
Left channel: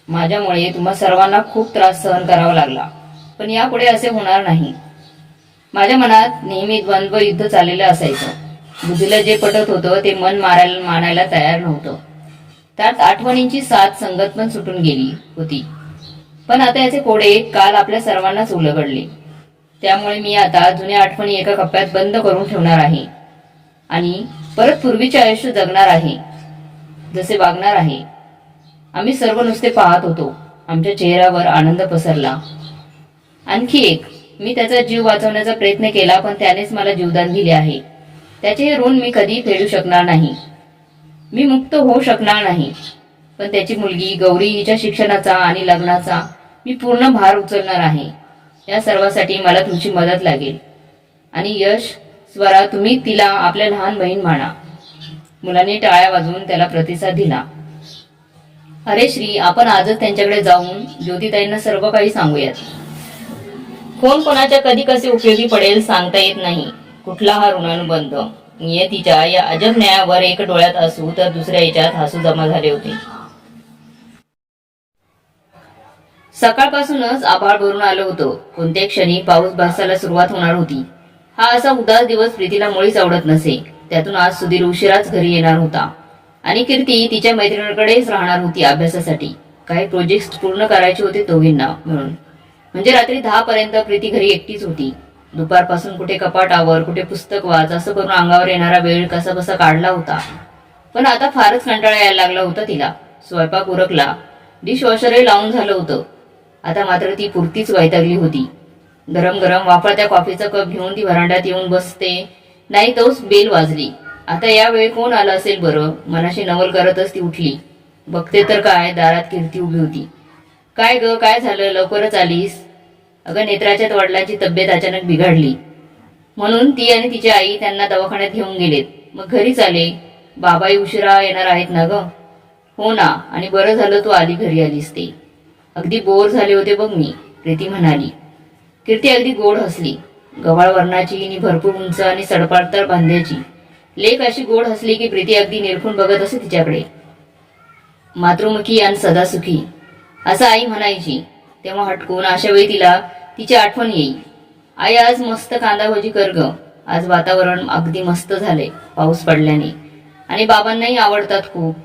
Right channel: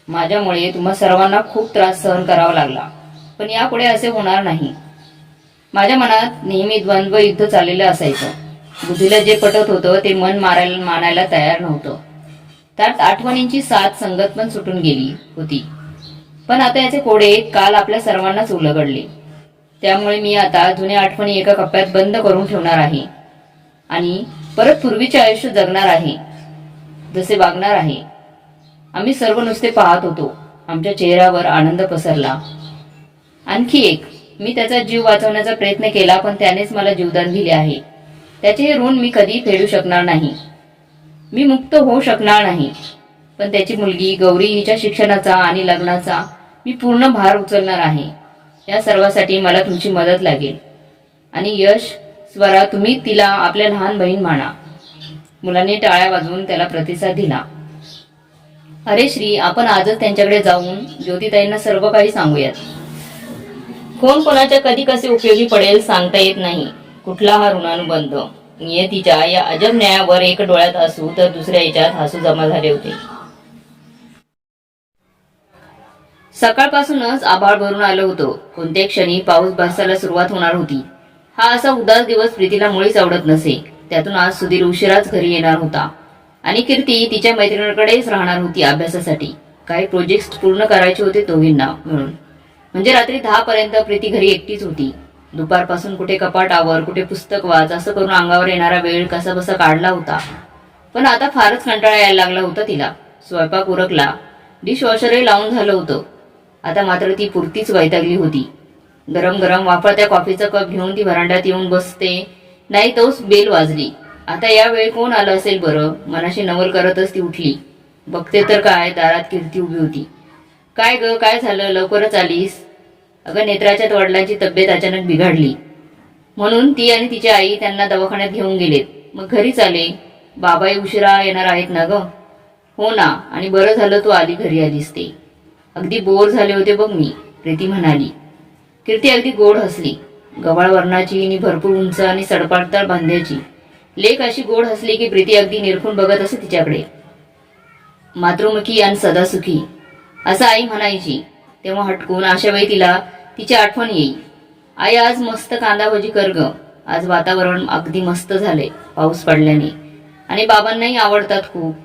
माझ्यामुळे तुम्हा सर्वांना खूप त्रास सहन करावा लागला, पण यापुढे असे होणार नाही. माझ्या मनात नेहमी द्वंद्व युद्ध चाललेलं असायचं. बुद्धीला जे पटत होतं ते मन मानायला तयार नव्हतं. त्यात आठवणींची साथ संगत पण सुटून गेली होती. पण आता याचे कोडे काल आपल्या सर्वांनाच उलगडले. त्यामुळे मी आता जुन्या आठवणी एका कप्प्यात बंद करून ठेवणार आहे आणि परत पूर्वीचे आयुष्य जगणार आहे, जसे वागणार आहे. आम्ही सर्व नुसते पाहत होतो. आमच्या चेहऱ्यावर आनंद पसरला. आणखी एक, मी त्याचा जीव वाचवण्याचा प्रयत्न केला, पण त्यानेच मला जीवदान दिले आहे. त्याचे हे ऋण मी कधी फेडू शकणार नाही. मी मुक्त होऊ शकणार नाही. पण त्याची मुलगी गौरी हिच्या शिक्षणाचा आणि लग्नाचा मी पूर्ण भार उचलणार आहे. या सर्वासाठी मला तुमची मदत लागेल. आणि यश, स्वरा, तुम्ही तिला आपल्या लहान बहीण माना. मुलांनी टाळ्या वाजवून त्याला प्रतिसाद दिला. अरे श्री, आपण आजच त्यांच्याकडे जाऊन ज्योतिताईंना सर्व काही सांगूयात. कोण कोणाच्या कधी कसे उपयोगी पडेल सांगता येत नाही. कुठला हा ऋणानुबंध. नियतीच्या या अजब न्यायावर एक डोळ्यात हसू तर दुसऱ्या याच्यात हसू जमा झाले होते. सकाळपासूनच आभाळ भरून आलं होतं. कोणत्या क्षणी पाऊस बरसायला सुरुवात होणार होती. हा असा उदास दिवस प्रीतीला मुळीच आवडत नसे. त्यातून आज सुधीर उशिराच घरी येणार होता आणि कीर्ती तिच्या मैत्रिणीकडेच राहणार होती अभ्यासासाठी. काही प्रोजेक्ट पूर्ण करायचे होते दोघींना मिळून. म्हणजे रात्री 10 पर्यंत प्रीती घरी एकटीच होती. दुपारपासून कुठे कपाटावर कुठे पुस्तक वाच असं करून अंगावर येणारा वेळ कसा बसा काढला होता. पण आता फारच कंटाळा यायला लागला होता तिला. स्वयंपाक उरकला, डिशवॉशरही लावून झालं होतं. आता मात्र ती पुरतीच वैतागली होती. गरम गरम वाफळत्या कॉफीचा कप घेऊन ती व्हरांड्यात येऊन बसते नाही तोच बेल वाजली. आता या वेळी कोण आलं असेल बरं. मनाशी नवल करतच ती उठली. बघते तर काय, दारात कीर्ती उभी होती. काय ग, काय झालं, लवकरच आलीस? अगं, नेत्राच्या वडिलांची तब्येत अचानक बिघडली म्हणून ती आणि तिची आई त्यांना दवाखान्यात घेऊन गेलेत. मग घरीच आले. बाबाही उशिरा येणार आहेत ना ग. हो ना, आणि बरं झालं तू घरी आलीस ते. अगदी बोर झाले होते बघ मी, प्रीती म्हणाली. कीर्ती अगदी गोड हसली. गव्हाळ वर्णाची आणि भरपूर उंच आणि सडपातळ बांध्याची. लेक अशी गोड हसली की प्रीती अगदी निरखून बघत असे तिच्याकडे. मातृमुखी आणि सदासुखी असं आई म्हणायची. तेव्हा हटकून अशा वेळी तिला तिची आठवण येई. आई, आज मस्त कांदा भजी कर ग. आज वातावरण अगदी मस्त झाले पाऊस पडल्याने आणि बाबांनाही आवडतात खूप.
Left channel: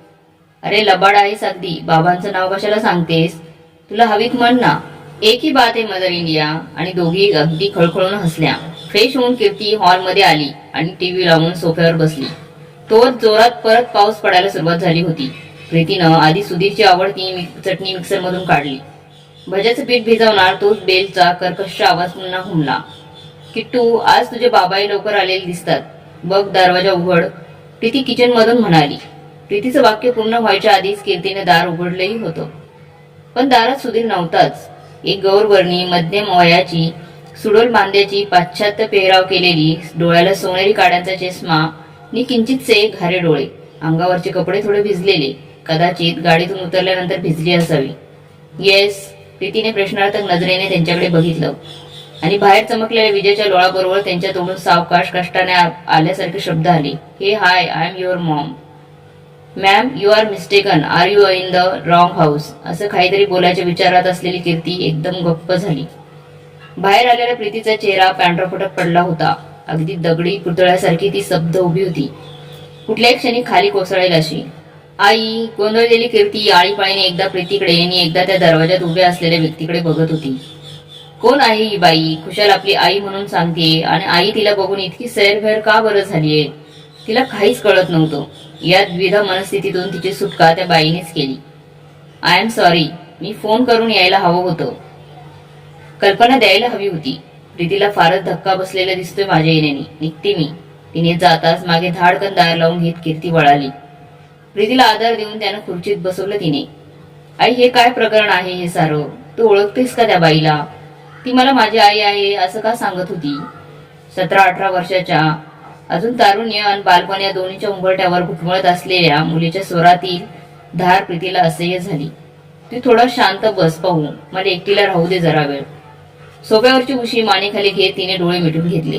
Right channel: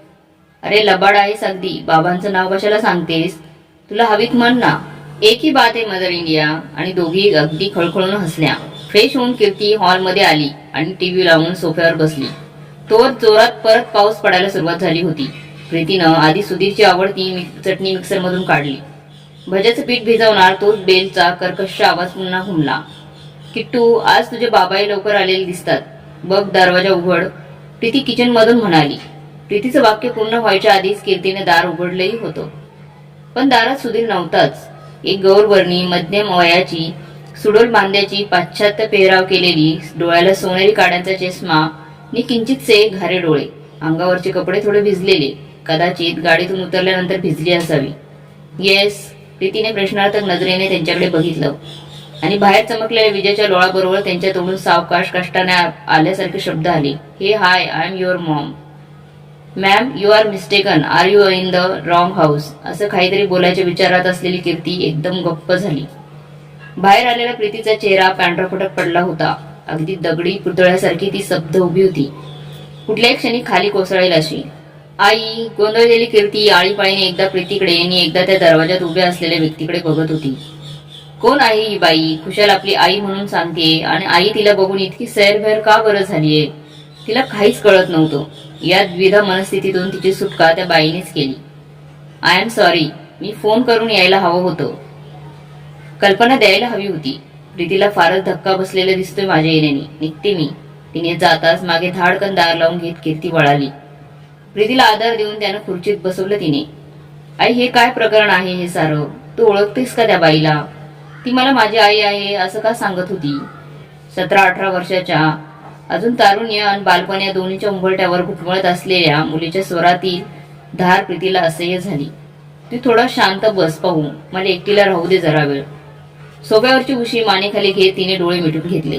अरे लबाड आहेस अगदी, बाबांचं नाव कशाला सांगतेस? तुला हवीत म्हण ना. एक ही बात आहे मदर इंडिया. आणि दोघी अगदी खळखळून हसल्या. फ्रेश होऊन कीर्ती हॉलमध्ये आली आणि टीव्ही लावून सोफ्यावर बसली. तोवर जोरात परत पाऊस पडायला सुरुवात झाली होती. प्रीतीनं आधी सुधीरची आवडती चटणी मिक्सरमधून काढली. भज्याचं पीठ भिजवणार तोच बेलचा कर्कश आवाज पुन्हा घुमला. किट्टू, आज तुझे बाबाही लवकर आलेले दिसतात. बघ, दरवाजा उघड, प्रीती किचनमधून म्हणाली. प्रीतीचं वाक्य पूर्ण व्हायच्या आधीच कीर्तीने दार उघडलंही होतं. पण दारात सुधीर नव्हताच. एक गौरवर्णी मध्यम वयाची सुडोल बांध्याची पाश्चात्य पेहराव केलेली, डोळ्याला सोनेरी काड्यांचा चष्मा नि किंचितसे घारे डोळे. अंगावरचे कपडे थोडे भिजलेले, कदाचित गाडीतून उतरल्यानंतर भिजली असावी. येस, प्रीतीने प्रश्नार्थक नजरेने त्यांच्याकडे बघितलं आणि बाहेर चमकलेल्या विजेच्या लोळाबरोबर त्यांच्या तोंडून सावकाश कष्टाने आल्यासारखे शब्द आले. Hey hi, I am your mom. Ma'am, you are mistaken. Are you in the wrong house? असं काहीतरी बोलायच्या विचारात असलेली कीर्ती एकदम गप्प झाली. बाहेर आलेल्या प्रीतीचा चेहरा पांढरा फटक पडला होता. अगदी दगडी पुतळ्यासारखी ती स्तब्ध उभी होती, कुठल्याही क्षणी खाली कोसळेल अशी. आई, गोंधळलेली कीर्ती आळीपाळीने एकदा प्रीतीकडे आणि एकदा त्या दरवाजात उभ्या असलेल्या व्यक्तीकडे बघत होती. कोण आहे ही बाई? खुशाल आपली आई म्हणून सांगते आणि आई तिला बघून इतकी सैरभैर का बरं झालीये? तिला काहीच कळत नव्हतं. या द्विधा मनस्थितीतून तिची सुटका त्या बाईनेच केली. I am sorry, me phone करून यायला हवं होतं. कल्पना द्यायला हवी होती. प्रीतीला फारच धक्का बसलेला दिसतोय माझ्या येण्याने. निघते मी. तिने जाताच मागे धाडकन दार लावून घेत कीर्ती वळाली. प्रीतीला आधार देऊन त्यानं खुर्चीत बसवलं तिने. आई, हे काय प्रकरण आहे हे सारं? तू ओळखतेस का त्या बाईला? ती मला माझी आई आहे असं का सांगत होती? 17-18 वर्षाच्या, अजून तारुण्य आणि बालपण या दोन्हीच्या उंबरठ्यावर घुटमळत असलेल्या मुलीच्या स्वरातील धार प्रीतीला असह्य झाली. ती थोडा शांत बस पाहू, मला एकटीला राहू दे जरा वेळ. सोफ्यावरची उशी मानेखाली घेत तिने डोळे मिटून घेतले.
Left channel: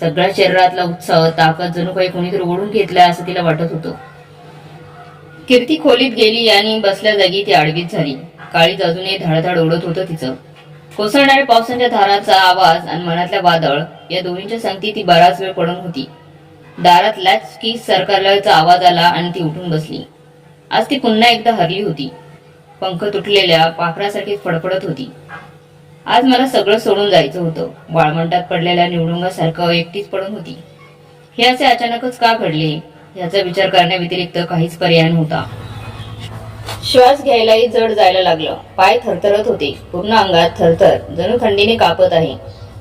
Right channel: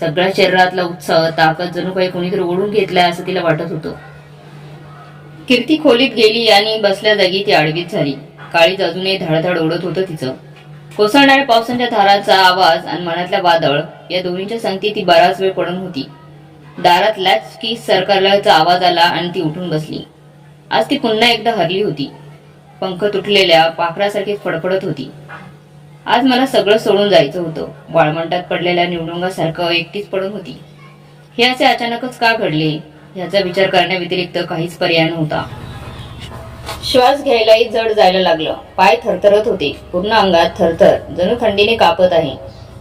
सगळ्या शरीरातला उत्साह, ताकद जणू काही कोणीतरी ओढून घेतलाय असं तिला वाटत होतं. कीर्ती खोलीत गेली आणि बसल्या जागी ती आडवीच झाली. काळीज अजूनही धडधड ओढत होतं तिचं. कोसळणाऱ्या पावसाच्या धाराचा आवाज आणि मनातल्या वादळ या दोन्हींच्या संगती ती बराच वेळ पडून होती. दारात लॅच की सरकारल्याचा आवाज आला आणि ती उठून बसली. आज ती पुन्हा एकदा हरली होती. पंख तुटलेल्या पाखरासारखी फडफडत होती. आज मला सगळं सोडून जायचं होतं. वाळवंटात पडलेल्या निवडुंगासारखं एकटीच पडून होती. हे असे अचानकच का घडले याचा विचार करण्याव्यतिरिक्त काहीच पर्याय नव्हता. श्वास घ्यायलाही जड जायला लागलं. पाय थरथरत होते. पूर्ण अंगात थरथर, जणू थंडीने कापत आहे.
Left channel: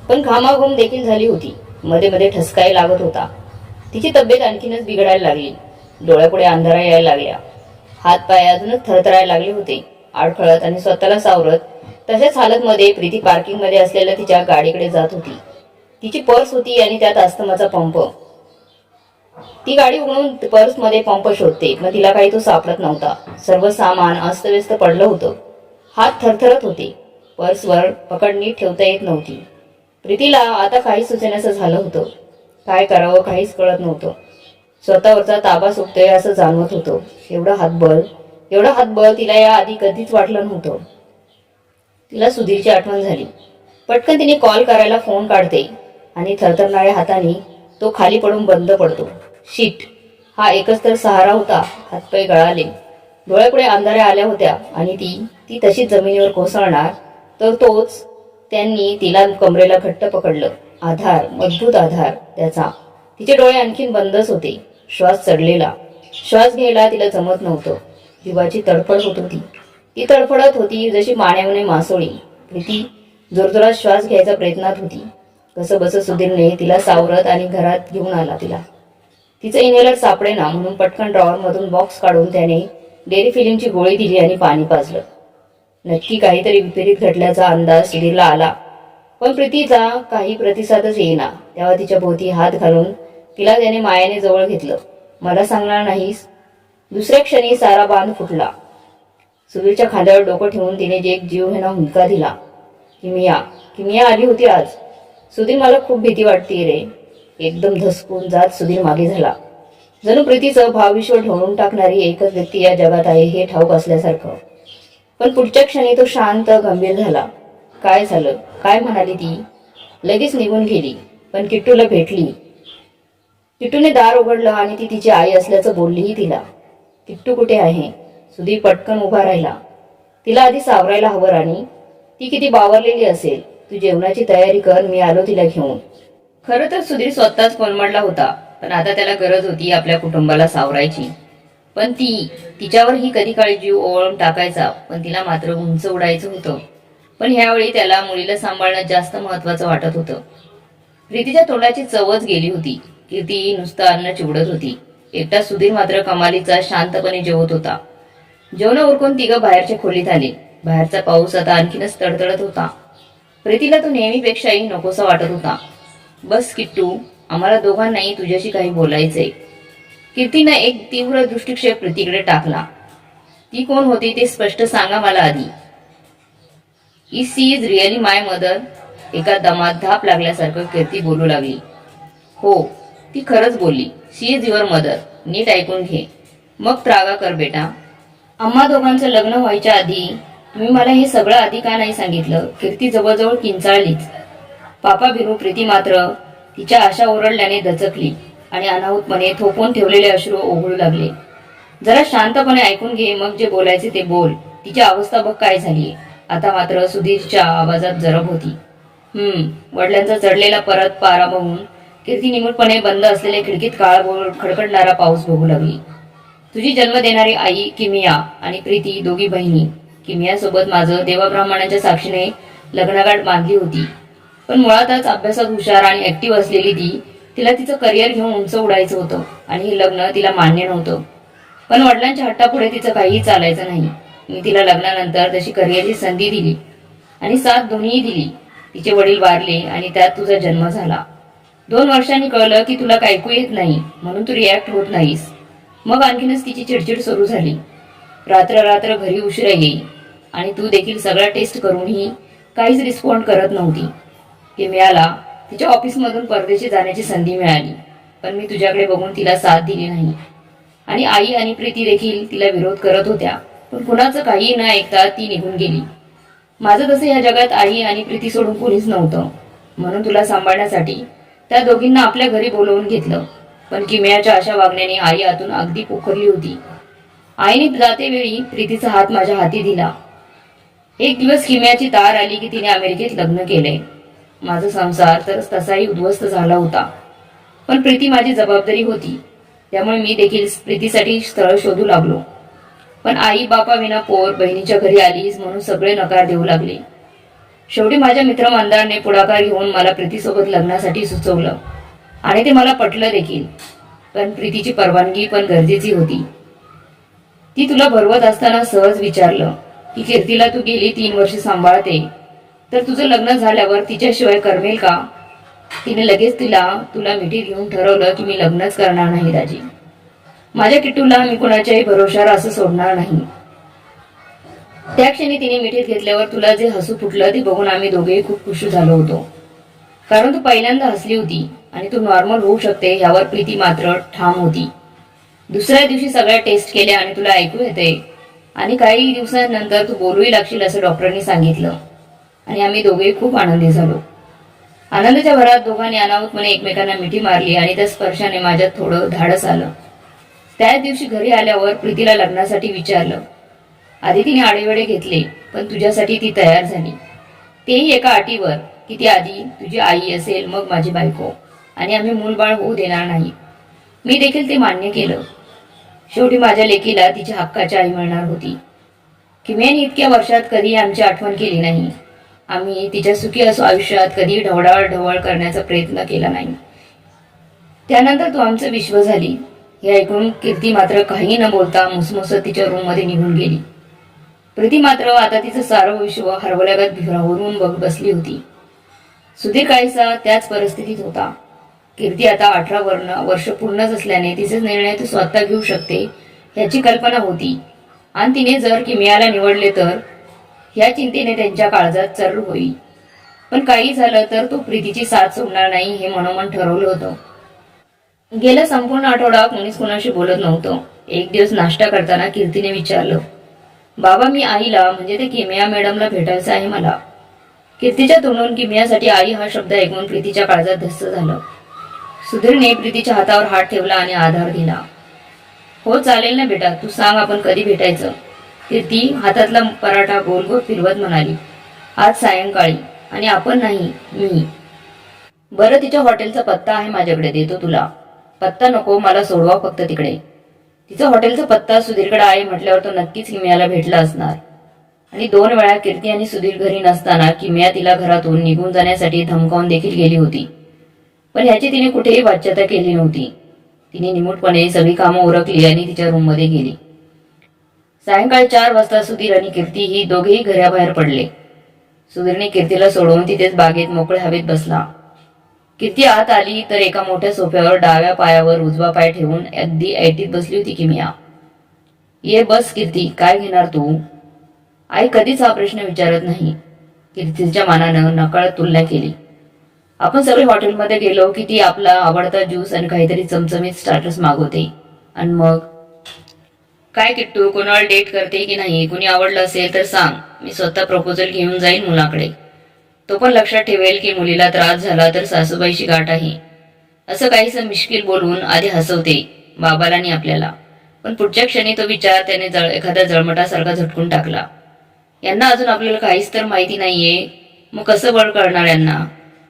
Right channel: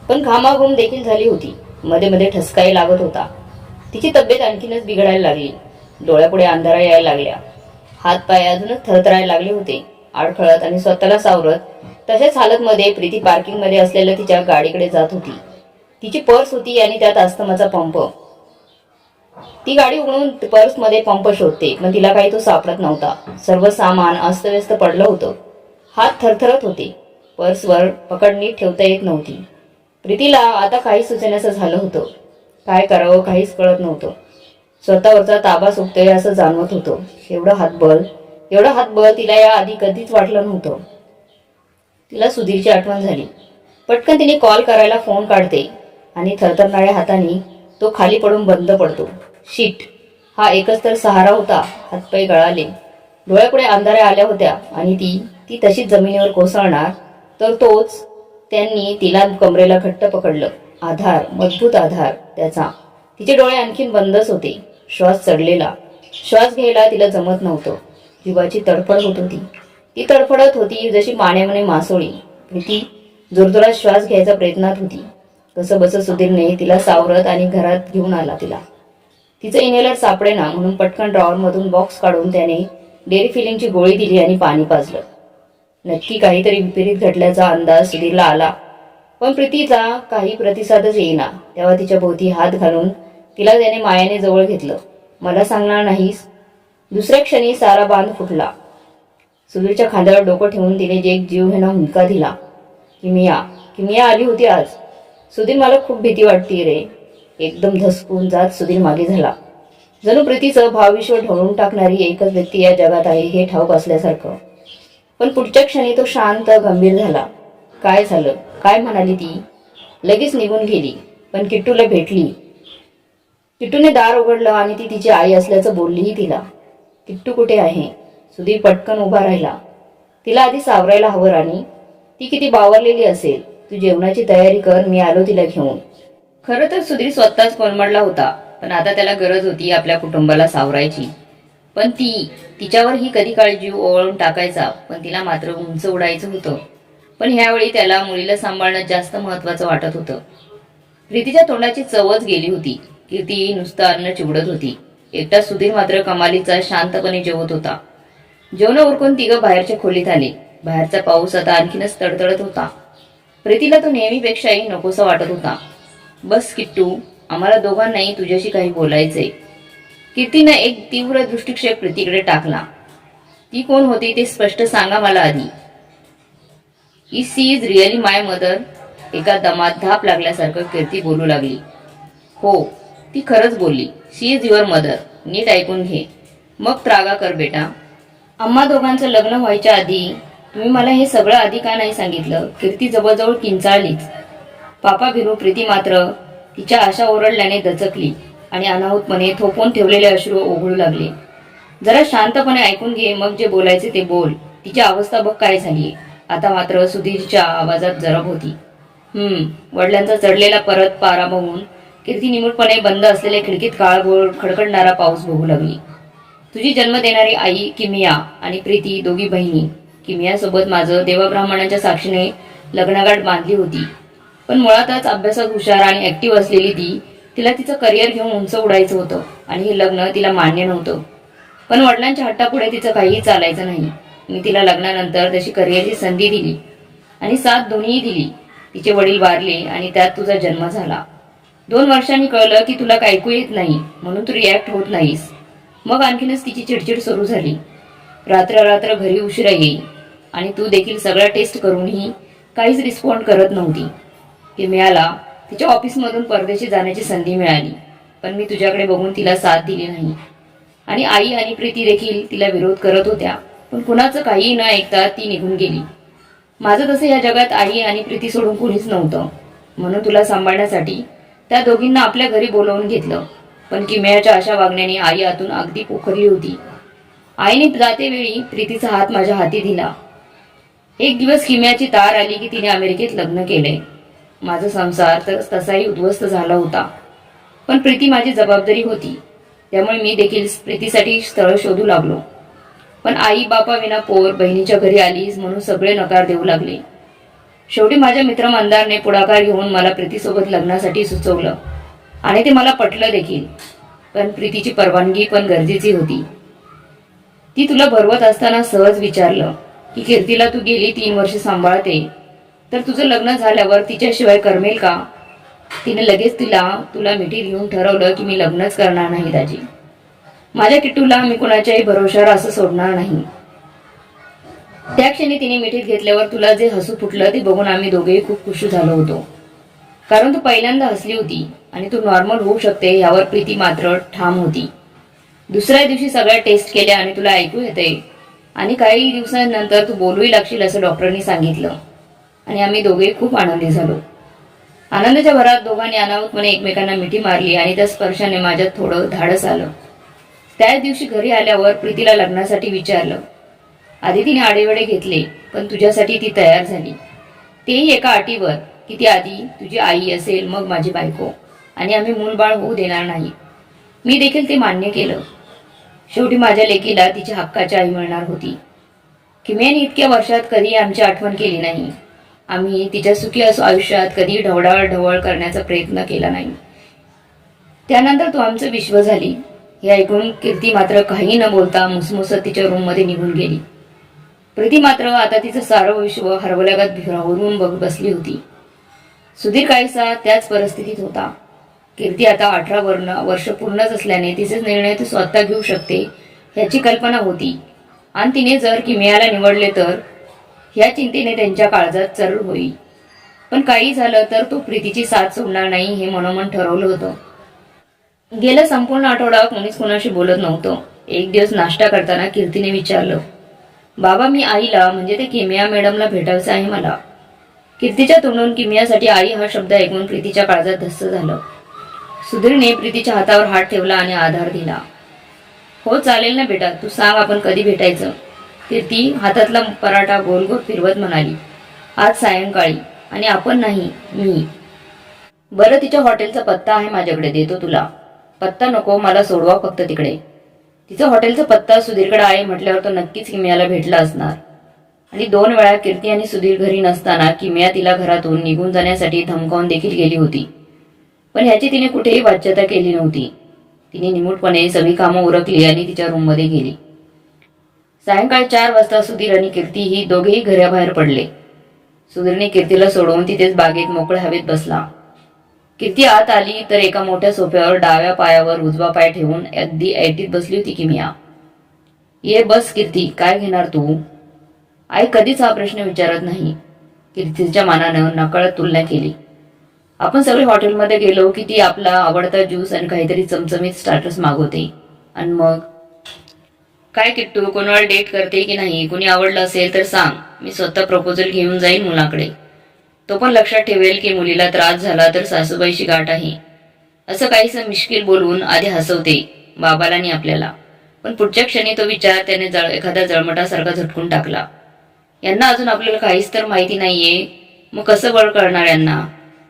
पण घामाघूम देखील झाली होती. मध्ये मध्ये ठसकाही लागत होता. तिची तब्येत आणखीनच बिघडायला लागली. डोळ्यापुढे अंधारा यायला लागल्या. हात पाय अजूनच थरथरायला लागले होते. आडखळत आणि स्वतःला सावरत तशाच हालतमध्ये प्रीती पार्किंगमध्ये असलेल्या तिच्या गाडीकडे जात होती. तिची पर्स होती आणि त्यात अस्थमाचा पंप. ती गाडी उघडून पर्समध्ये पंप शोधते, पण तिला काही तो सापडत नव्हता. सर्व सामान अस्तव्यस्त पडलं होतं. हात थरथरत होते. पर्सवर पकड नीट ठेवता येत नव्हती. प्रीतीला आता काहीच सुचेनासं झालं होतं. काय करावं काहीच कळत नव्हतं. स्वतःवरचा ताबा सुटतोय असं जाणवत होतं. एवढं हातबळ तिला या आधी कधीच वाटलं नव्हतं. तिला सुधीरची आठवण झाली. पटकन तिने कॉल करायला फोन काढते आणि थरथरणाऱ्या हाताने तो खाली पडून बंद पडतो. शीट, हा एकच तर सहारा होता. हातपाय गळाले, डोळ्यापुढे अंधाऱ्या आल्या होत्या आणि ती तशीच जमिनीवर कोसळणार तर तोच. त्यांनी तिला कमरेला घट्ट पकडलं. आधार, मजबूत आधार त्याचा. तिचे डोळे आणखीन बंदच होते. श्वास चढलेला. श्वास घ्यायला तिला जमत नव्हतं. जीवाची तडफड होत होती. ती तडफडत होती जशी मानेमने मासोळी. प्रीती जोरजोरात श्वास घ्यायचा प्रयत्नात होती. कसं बसं सुधीरने तिला सावरत आणि घरात घेऊन आला तिला. तिचं इन्हेलर सापडेना म्हणून पटकन ड्रॉवरमधून बॉक्स काढून त्याने डेअरी फिलिंगची गोळी दिली आणि पाणी पाजलं. नक्की काहीतरी विपरीत घडल्याचा अंदाज सुधीरला आला, पण प्रीतीचा काही प्रतिसादच येईना. तेव्हा तिच्या भोवती हात घालून तिला त्याने मायाने जवळ घेतलं. मला सांगणार नाहीस? दुसऱ्या क्षणी सारा बांध फुटला. सुधीरच्या खांद्यावर डोकं ठेवून तिने एक जीवघेणा हुंदका दिला. किमिया आली होती आज. सुधीर, मला खूप भीती वाटते रे. एकदम धसकून जात सुधीर मागे झाला. जणू प्रीतीचं भावविश्व ढवळून टाकणारी एकच व्यक्ती या जगात आहे हे ठाऊक असल्यासारखं. पण पुढच्या क्षणी तो शांत गंभीर झाला. काय झालं? काय म्हणाली ती? लगेच निघून गेली, पण किट्टूला भेटली. किट्टूने दार उघडलं आणि ती तिची आई असल्याचं बोललीही तिला. किट्टू कुठे आहे? सुधीर पटकन उभा राहिला. तिला आधी सावरायला हवं राणी. ती किती बावरलेली असेल. तू जेवणाची तयारी कर, मी आलो तिला घेऊन. खरं तर सुधीर स्वतःच कोलमडला होता, पण आता त्याला गरज होती आपल्या कुटुंबाला सावरायची. पण तिच्यावरही कधी काळी जीव ओवाळून टाकायचा, पण तिला मात्र उंच उडायचं होतं. पण ह्यावेळी त्याला मुलीला सांभाळणं जास्त महत्वाचं वाटत होतं. प्रीतीच्या तोंडाची चवच गेली होती. कीर्ती नुसतं अन्न चिवडत होती. एकटा सुधीर मात्र कमालीचा शांतपणे जेवत होता. जेवण उरकून तिघं बाहेरच्या खोलीत आले. बाहेरचा पाऊस आता आणखीनच तडतडत होता. प्रीतीला तो नेहमीपेक्षाही नकोसा वाटत होता. बस किट्टू, आम्हाला दोघांनाही तुझ्याशी काही बोलायचंय. कीर्तीनं एक तीव्र दृष्टिक्षेप प्रीतीकडे टाकला. ती कोण होती ते स्पष्ट सांगा मला आधी. She is really my mother? एका दमात धाप लागल्यासारखं कीर्ती बोलू लागली. हो, ती खरंच बोलली. शी इज युअर मदर. नीट ऐकून घे, मग त्रागा कर बेटा. आम्हा दोघांचं लग्न व्हायच्या आधी तुम्ही मला हे सगळं आधी का नाही सांगितलं? कीर्ती जवळजवळ किंचाळलीच. पापा भिरू प्रीती मात्र तिच्या आशा ओरडल्याने दचकली आणि अनाहूतपणे थोपवून ठेवलेले अश्रू ओघळू लागले. जरा शांतपणे ऐकून घे, मग जे बोलायचे ते बोल. तिची अवस्था बघ काय झालीये. आता मात्र सुधीरच्या आवाजात जरब होती. वडिलांचा चढलेला परत पारा बघून कीर्ती निमूटपणे बंद असलेल्या खिडकीत काळभोर खडखडणारा पाऊस बघू लागली. तुझी जन्म देणारी आई किमिया आणि प्रीती दोघी बहिणी. किमियासोबत माझं देवाब्राह्मणांच्या साक्षीने लग्नगाठ बांधली होती. पण मुळातच अभ्यासात हुशार आणि ऍक्टिव्ह असलेली तिला तिचं करिअर घेऊन उंच उडायचं होतं आणि हे लग्न तिला मान्य नव्हतं. पण वडिलांच्या हट्टापुढे तिचं काहीही चालायचं नाही. मी तिला लग्नानंतर तशी करिअरची संधी दिली आणि साथ दोन्हीही दिली. तिचे वडील वारले आणि त्यात तुझा जन्म झाला. 2 वर्षांनी कळलं की तुला ऐकू येत नाही म्हणून तू रिॲक्ट होत नाहीस. मग आणखीनच तिची चिडचिड सुरू झाली. रात्र घरी उशिरा येई आणि तू देखील सगळ्या टेस्ट करूनही काहीच रिस्पॉन्ड करत नव्हती. की मिळाला तिच्या ऑफिसमधून परदेशी जाण्याची संधी मिळाली, पण मी तुझ्याकडे बघून तिला साथ दिली नाही. आणि आई आणि प्रीती देखील तिला विरोध करत होत्या, पण कुणाचं काहीही न ऐकता ती निघून गेली. माझं तसं या जगात आई आणि प्रीती सोडून कोणीच नव्हतं. म्हणून तुला सांभाळण्यासाठी त्या दोघींना आपल्या घरी बोलवून घेतलं. पण किमयाच्या अशा वागण्याने आई आतून अगदी पोखरली होती. आईने जातेवेळी प्रीतीचा हात माझ्या हाती दिला. एक दिवस किमयाची तार आली की तिने अमेरिकेत लग्न केलंय. माझा संसार तर तसाही उद्ध्वस्त झाला होता, पण प्रीती माझी जबाबदारी होती. त्यामुळे मी देखील प्रीतीसाठी स्थळ शोधू लागलो. पण आई बापा विना पोर बहिणीच्या घरी आलीस म्हणून सगळे नकार देऊ लागले. शेवटी माझ्या मित्र मंदारने पुढाकार घेऊन मला प्रीतीसोबत लग्नासाठी सुचवलं आणि ते मला पटलं देखील. पण प्रीतीची परवानगी पण गरजेची होती. ती तुला भरवत असताना सहज विचारलं की कीर्तीला तू गेली 3 वर्ष सांभाळते, तर तुझं लग्न झाल्यावर तिच्याशिवाय करमेल का? तिने लगेच तुला मिठीत घेऊन ठरवलं की मी लग्नच करणार नाही दाजी. माझ्या किट्टूला मी कुणाच्याही भरोशावर असं सोडणार नाही. त्या क्षणी तिने मिठीत घेतल्यावर तुला जे हसू फुटलं ते बघून आम्ही दोघेही खूप खुश झालो होतो. कारण तू पहिल्यांदा हसली होती आणि तू नॉर्मल होऊ शकते यावर प्रीती मात्र ठाम होती. दुसऱ्या दिवशी सगळ्या टेस्ट केल्या आणि तुला ऐकू येते आणि काही दिवसांनंतर तू बोलूही लागशील असं डॉक्टरांनी सांगितलं आणि आम्ही दोघेही खूप आनंदी झालो. आनंदाच्या भरात दोघांनी अनावतपणे एकमेकांना मिठी मारली आणि त्या स्पर्शाने माझ्यात थोडं धाडस आलं. त्याच दिवशी घरी आल्यावर प्रीतीला लग्नासाठी विचारलं. आधी तिने आडेवेडे घेतले, पण तुझ्यासाठी ती तयार झाली. तेही एका अटीवर की ती आधी तुझी आई असेल, मग माझी बायको, आणि आम्ही मूलबाळ होऊ देणार नाही. मी देखील ते मान्य केलं. शेवटी माझ्या लेकीला तिच्या हक्काची आई मिळणार होती. किमयाने इतक्या वर्षात कधीही आमची आठवण केली नाही. आम्ही तिच्या सुखी असो आयुष्यात कधीही ढवळाढवळ करण्याचा प्रयत्न केला नाही. त्यानंतर तू आमचं विश्व झाली. हे ऐकून कीर्ती मात्र काही न बोलता मुसमुसत तिच्या रूममध्ये निघून गेली. प्रीती मात्र आता तिचं सारं विश्व हरवल्यागत भिरावरून बसली होती. सुधीर काहीसा त्याच परिस्थितीत होता. कीर्ती आता 18 वर्ष पूर्णच असल्याने तिचे निर्णय ती स्वतः घेऊ शकते ह्याची कल्पना होती आणि तिने जर किमयाला निवडले तर ह्या चिंतेने त्यांच्या काळजात चर्र होईल. पण काही झालं तर तो प्रीतीची साथ सोडणार नाही हे मनोमन ठरवलं होतं. गेला संपूर्ण आठवडा कोणीच कोणाशी बोलत नव्हतं. एक दिवस नाश्ता करताना कीर्तीने विचारलं, बाबा, मी आईला म्हणजे ते किमया मॅडमला भेटायचं आहे मला. कीर्तीच्या तोंडून किमयासाठी आई हा शब्द ऐकून प्रीतीच्या काळजात धस्स झालं. सुधीरने प्रीतीच्या हातावर हात ठेवला आणि आधार दिला. हो चालेल ना बेटा, तू सांग आपण कधी भेटायचं. कीर्ती हातातला पराठा गोल गोल फिरवत म्हणाली, आज सायंकाळी. आणि आपण नाही, मी. बरं, तिच्या हॉटेलचा पत्ता आहे माझ्याकडे, देतो तुला. पत्ता नको, मला सोडवा फक्त तिकडे. तिचा हॉटेलचा पत्ता सुधीरकडे आहे म्हटल्यावर तो नक्कीच किमयाला भेटला असणार. आणि 2 वेळा कीर्ती आणि सुधीर घरी नसताना किमया तिला घरातून निघून जाण्यासाठी धमकावून देखील गेली होती. पण ह्याची तिने कुठेही वाच्यता केली नव्हती. तिने निमूटपणे सगळी कामं उरकली आणि तिच्या रूममध्ये गेली. सायंकाळी 4 वाजता सुधीर आणि कीर्ती ही दोघेही घराबाहेर पडले. सुधीरने कीर्तीला सोडवून तिथेच बागेत मोकळ्या हवेत बसला. कीर्ती आत आली तर एका मोठ्या सोफ्यावर डाव्या पायावर उजवा पाय ठेवून अगदी ऐटीत बसली होती किमया. ये बस कीर्ती, काय घेणार तू? आई कधीच हा प्रश्न विचारत नाही. कीर्तीच्या मनानं नकळत तुलना केली. आपण सगळे हॉटेलमध्ये गेलो की ती आपला आवडता ज्यूस आणि काहीतरी चमचमीत स्टार्टर्स मागवते. आणि मग काय किट्टू, कोणाला डेट करते की नाही? कोणी आवडलं असेल तर सांग, मी स्वतः प्रपोजल घेऊन जाईल मुलाकडे. तो पण लक्षात ठेवेल की मुलीला त्रास झाला तर सासूबाईची गाठ आहे. असं काहीसं मिश्किल बोलून आधी हसवते बाबाला आणि आपल्याला. पण पुढच्या क्षणी तो विचार त्याने एखाद्या जळमटासारखा झटकून टाकला. यांना अजून आपल्याला काहीच तर माहिती नाहीये, मग कसं बळ कळणार यांना?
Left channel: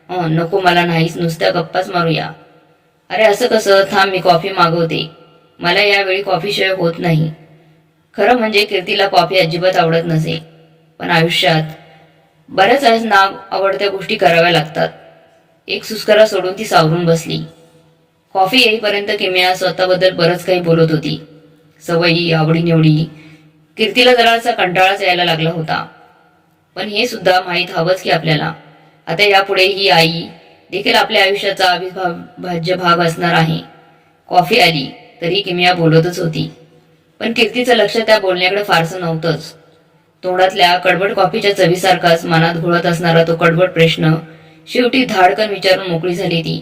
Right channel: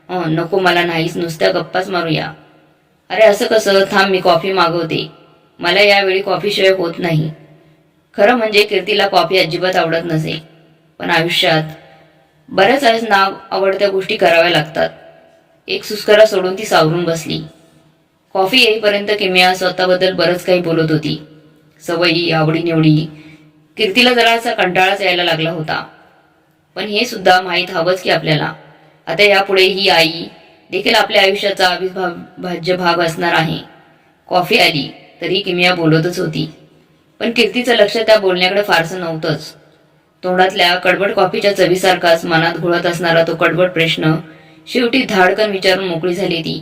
नको, मला नाहीच, नुसत्या गप्पाच मारूया. अरे असं कसं? थांब, मी कॉफी मागवते. मला यावेळी कॉफीशिवाय होत नाही. खरं म्हणजे कीर्तीला कॉफी अजिबात आवडत नसे, पण आयुष्यात बऱ्याच वेळेस ना आवडत्या गोष्टी कराव्या लागतात. एक सुस्करा सोडून ती सावरून बसली. कॉफी येईपर्यंत किमया स्वतःबद्दल बरंच काही बोलत होती. सवयी, आवडीनिवडी. कीर्तीला जरा असा कंटाळाच यायला लागला होता. पण हे सुद्धा माहीत हवंच की आपल्याला आता यापुढे ही आई देखील आपल्या आयुष्याचा अविभाज्य भाग असणार आहे. कॉफी आली तरी किमया बोलतच होती, पण कीर्तीचं लक्ष त्या बोलण्याकडे फारसं नव्हतंच. तोंडातल्या कडबड कॉफीच्या चवीसारखाच मनात घोळत असणारा तो कडबड प्रश्न शेवटी धाडकन विचारून मोकळी झाली ती.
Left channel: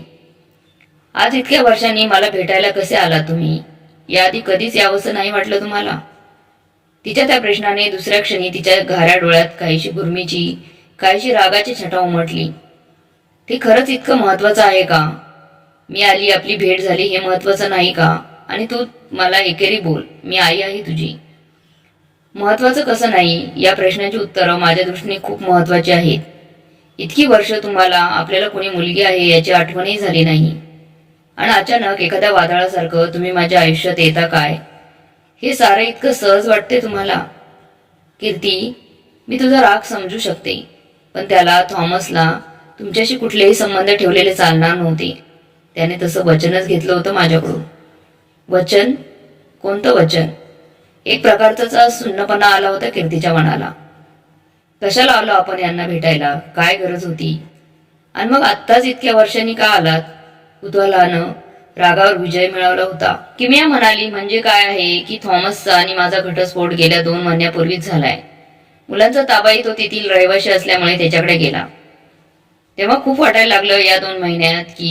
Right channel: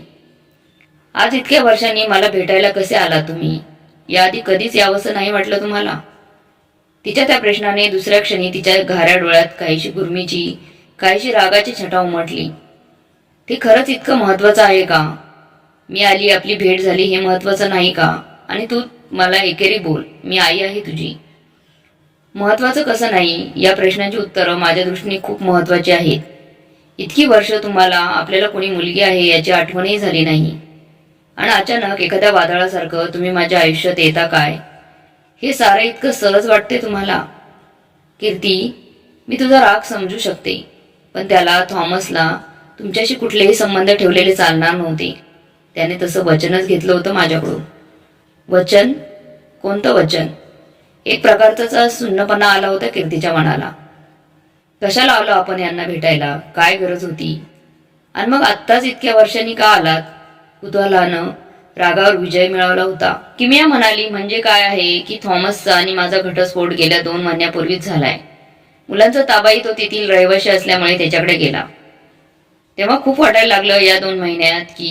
आज इतक्या वर्षांनी मला भेटायला कसे आलात तुम्ही? याआधी कधीच यावंसं नाही वाटलं तुम्हाला? तिच्या त्या प्रश्नाने दुसऱ्या क्षणी तिच्या घाऱ्या डोळ्यात काहीशी गुरमीची, काहीशी रागाची छटा उमटली. ते खरंच इतकं महत्वाचं आहे का? मी आली, आपली भेट झाली, हे महत्वाचं नाही का? आणि तू मला एकेरी बोल, मी आई आहे तुझी. महत्वाचं कसं नाही? या प्रश्नाची उत्तरं माझ्या दृष्टीने खूप महत्वाची आहेत. इतकी वर्ष तुम्हाला आपल्याला कोणी मुलगी आहे याची आठवणही झाली नाही, आणि अचानक एखाद्या वादळासारखं तुम्ही माझ्या आयुष्यात येता काय? हे सारं इतकं सहज वाटते तुम्हाला? कीर्ती, मी तुझा राग समजू शकते, पण त्याला, थॉमसला तुमच्याशी कुठलेही संबंध ठेवलेले चालणार नव्हते. त्याने तसं वचनच घेतलं होतं माझ्याकडून. वचन? कोणतं वचन? एक प्रकारचा सुन्नपणा आला होता कीर्तीच्या मनाला. कशाला आलो आपण यांना भेटायला? काय गरज होती? आणि मग आत्ताच इतक्या वर्षांनी का आलात? कुतूहलानं रागावर विजय मिळवला होता. किमया म्हणाली, म्हणजे काय आहे की थॉमसचा आणि माझा घटस्फोट गेल्या 2 महिन्यापूर्वीच झालाय. मुलांचा ताबाही तो तेथील रहिवाशी असल्यामुळे त्याच्याकडे गेला. तेव्हा खूप वाटायला लागलं या 2 महिन्यात की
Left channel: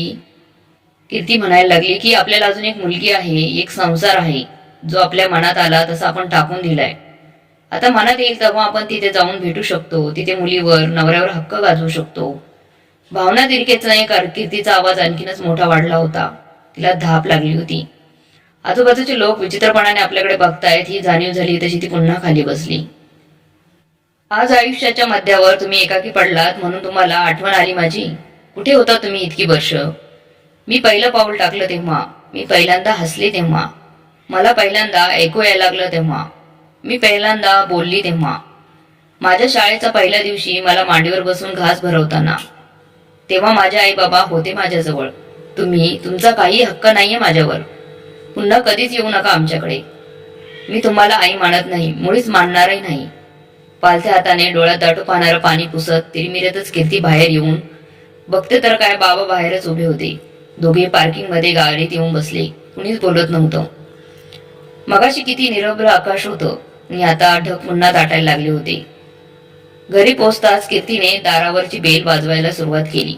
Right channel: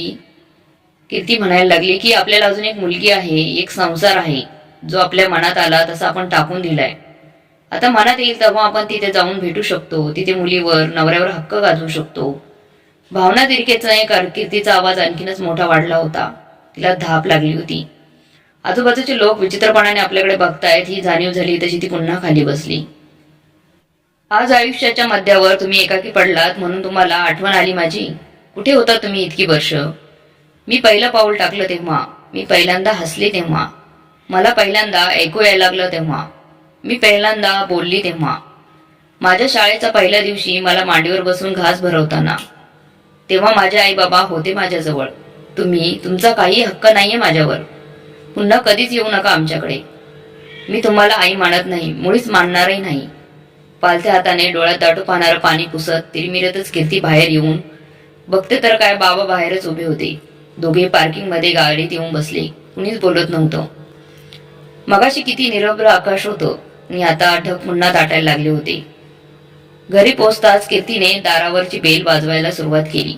कीर्ती म्हणायला लागली की आपल्याला अजून एक मुलगी आहे, एक संसार आहे, जो आपल्या मनात आला तसा आपण टाकून दिलाय. आता मनात येईल तेव्हा आपण तिथे जाऊन भेटू शकतो, तिथे मुलीवर नवऱ्यावर हक्क गाजवू शकतो. भावना तिरकेचा कीर्तीचा आवाज आणखीनच मोठा वाढला होता. तिला धाप लागली होती. आजूबाजूचे लोक विचित्रपणाने आपल्याकडे बघतायत ही जाणीव झाली तशी ती पुन्हा खाली बसली. आज आयुष्याच्या मध्यावर तुम्ही एकाकी पडलात म्हणून तुम्हाला आठवण आली माझी. कुठे होता तुम्ही इतकी वर्ष? मी पहिलं पाऊल टाकलं तेव्हा, मी पहिल्यांदा हसले तेव्हा, मला पहिल्यांदा ऐकू यायला लागलं तेव्हा, मी पहिल्यांदा बोलली तेव्हा, माझ्या शाळेचा पहिल्या दिवशी मला मांडीवर बसून घास भरवताना, तेव्हा माझे आई बाबा होते माझ्याजवळ. तुमचा काही हक्क नाहीये माझ्यावर. पुन्हा कधीच येऊ नका आमच्याकडे. मी तुम्हाला आई मानत नाही, मुळीच मानणारही नाही. पालथ्या हाताने डोळ्यात दाटू पाहणारं पाणी पुसत तिरमिरतच कीर्ती बाहेर येऊन बघते तर काय, बाबा बाहेरच उभे होते. दोघे पार्किंगमध्ये गाडीत येऊन बसले. कुणीच बोलत नव्हतं. मगाशी किती निरभ्र आकाश होतं आणि आता ढग पुन्हा दाटायला लागले होते. घरी पोहोचताच कीर्तीने दारावरची बेल वाजवायला सुरुवात केली,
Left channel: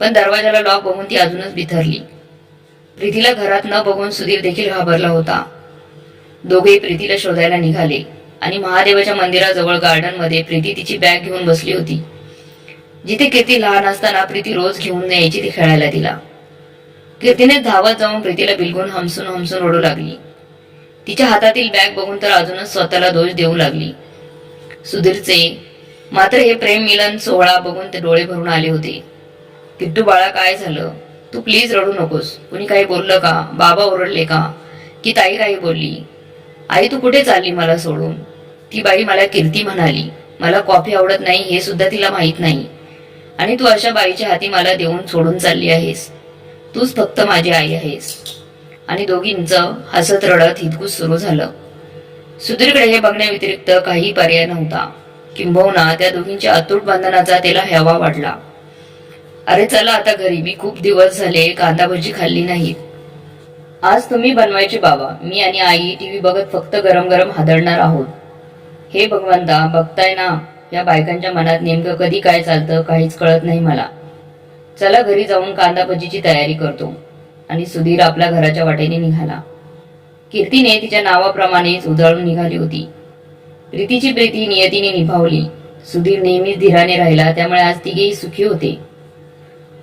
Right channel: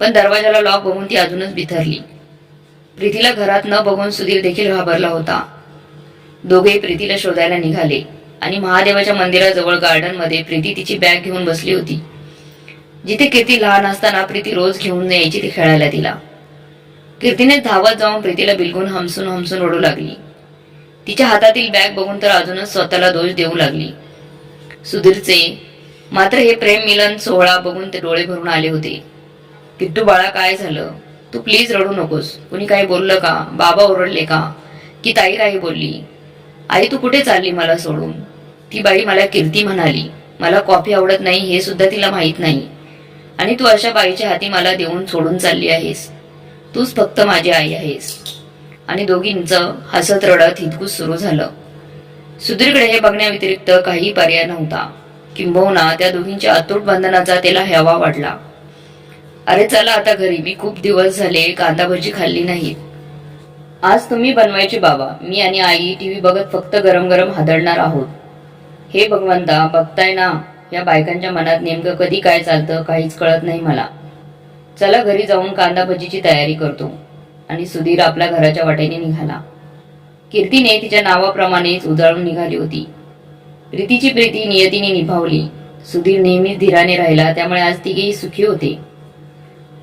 पण दरवाजाला लॉक बघून ती अजूनच बिथरली. प्रीतीला घरात न बघून सुधीर देखील घाबरला होता. दोघे प्रीतीला शोधायला निघाले आणि महादेवाच्या मंदिराजवळ गार्डनमध्ये प्रीती तिची बॅग घेऊन बसली होती. जिथे कीर्ती लहान असताना प्रीती रोज घेऊन यायची ती खेळायला तिला. कीर्तीने धावत जाऊन प्रीतीला बिलगून हमसून हमसून ओढू लागली. तिच्या हातातील बॅग बघून तर अजूनच स्वतःला दोष देऊ लागली. सुधीरचे मात्र हे प्रेम मिलन सोहळा बघून ते डोळे भरून आले होते. किट्टू बाळा, काय झालं? तू प्लीज रडू नकोस. कुणी काही बोललं का? बाबा ओरडले का? की ताई काही बोलली? आई तू कुठे चालली मला सोडून? ती बाई मला कीर्ती म्हणाली. मला कॉफी आवडत नाही हे सुद्धा तिला माहीत नाही, आणि तू अशा बाईच्या हाती मला देऊन सोडून चालली आहेस. तूच फक्त माझी आई आहेस. आणि दोघींचं हसत रडत हितगुज सुरू झालं. सुधीरकडे हे बघण्याव्यतिरिक्त काही पर्याय नव्हता. किंबहुना त्या दोघींच्या अतूट बंधनाचा त्याला हेवा वाटला. अरे चला आता घरी, मी खूप दिवस झाले कांदा भजी खाल्ली नाही. आज तुम्ही बनवायचे बाबा, मी आणि आई टीव्ही बघत फक्त गरम गरम हादरणार आहोत. हे भगवंता, बघताय ना या बायकांच्या मनात नेमकं कधी काय चालतं काहीच कळत नाही मला. चला घरी जाऊन कांदा भजीची तयारी करतो. आणि सुधीर आपल्या घराच्या वाटेने निघाला. कीर्तीने तिच्या नावाप्रमाणेच उधळून निघाली होती. प्रीतीची प्रीती नियतीने निभावली. सुधीर नेहमीच धीराने राहिला, त्यामुळे आज तिघेही सुखी होते.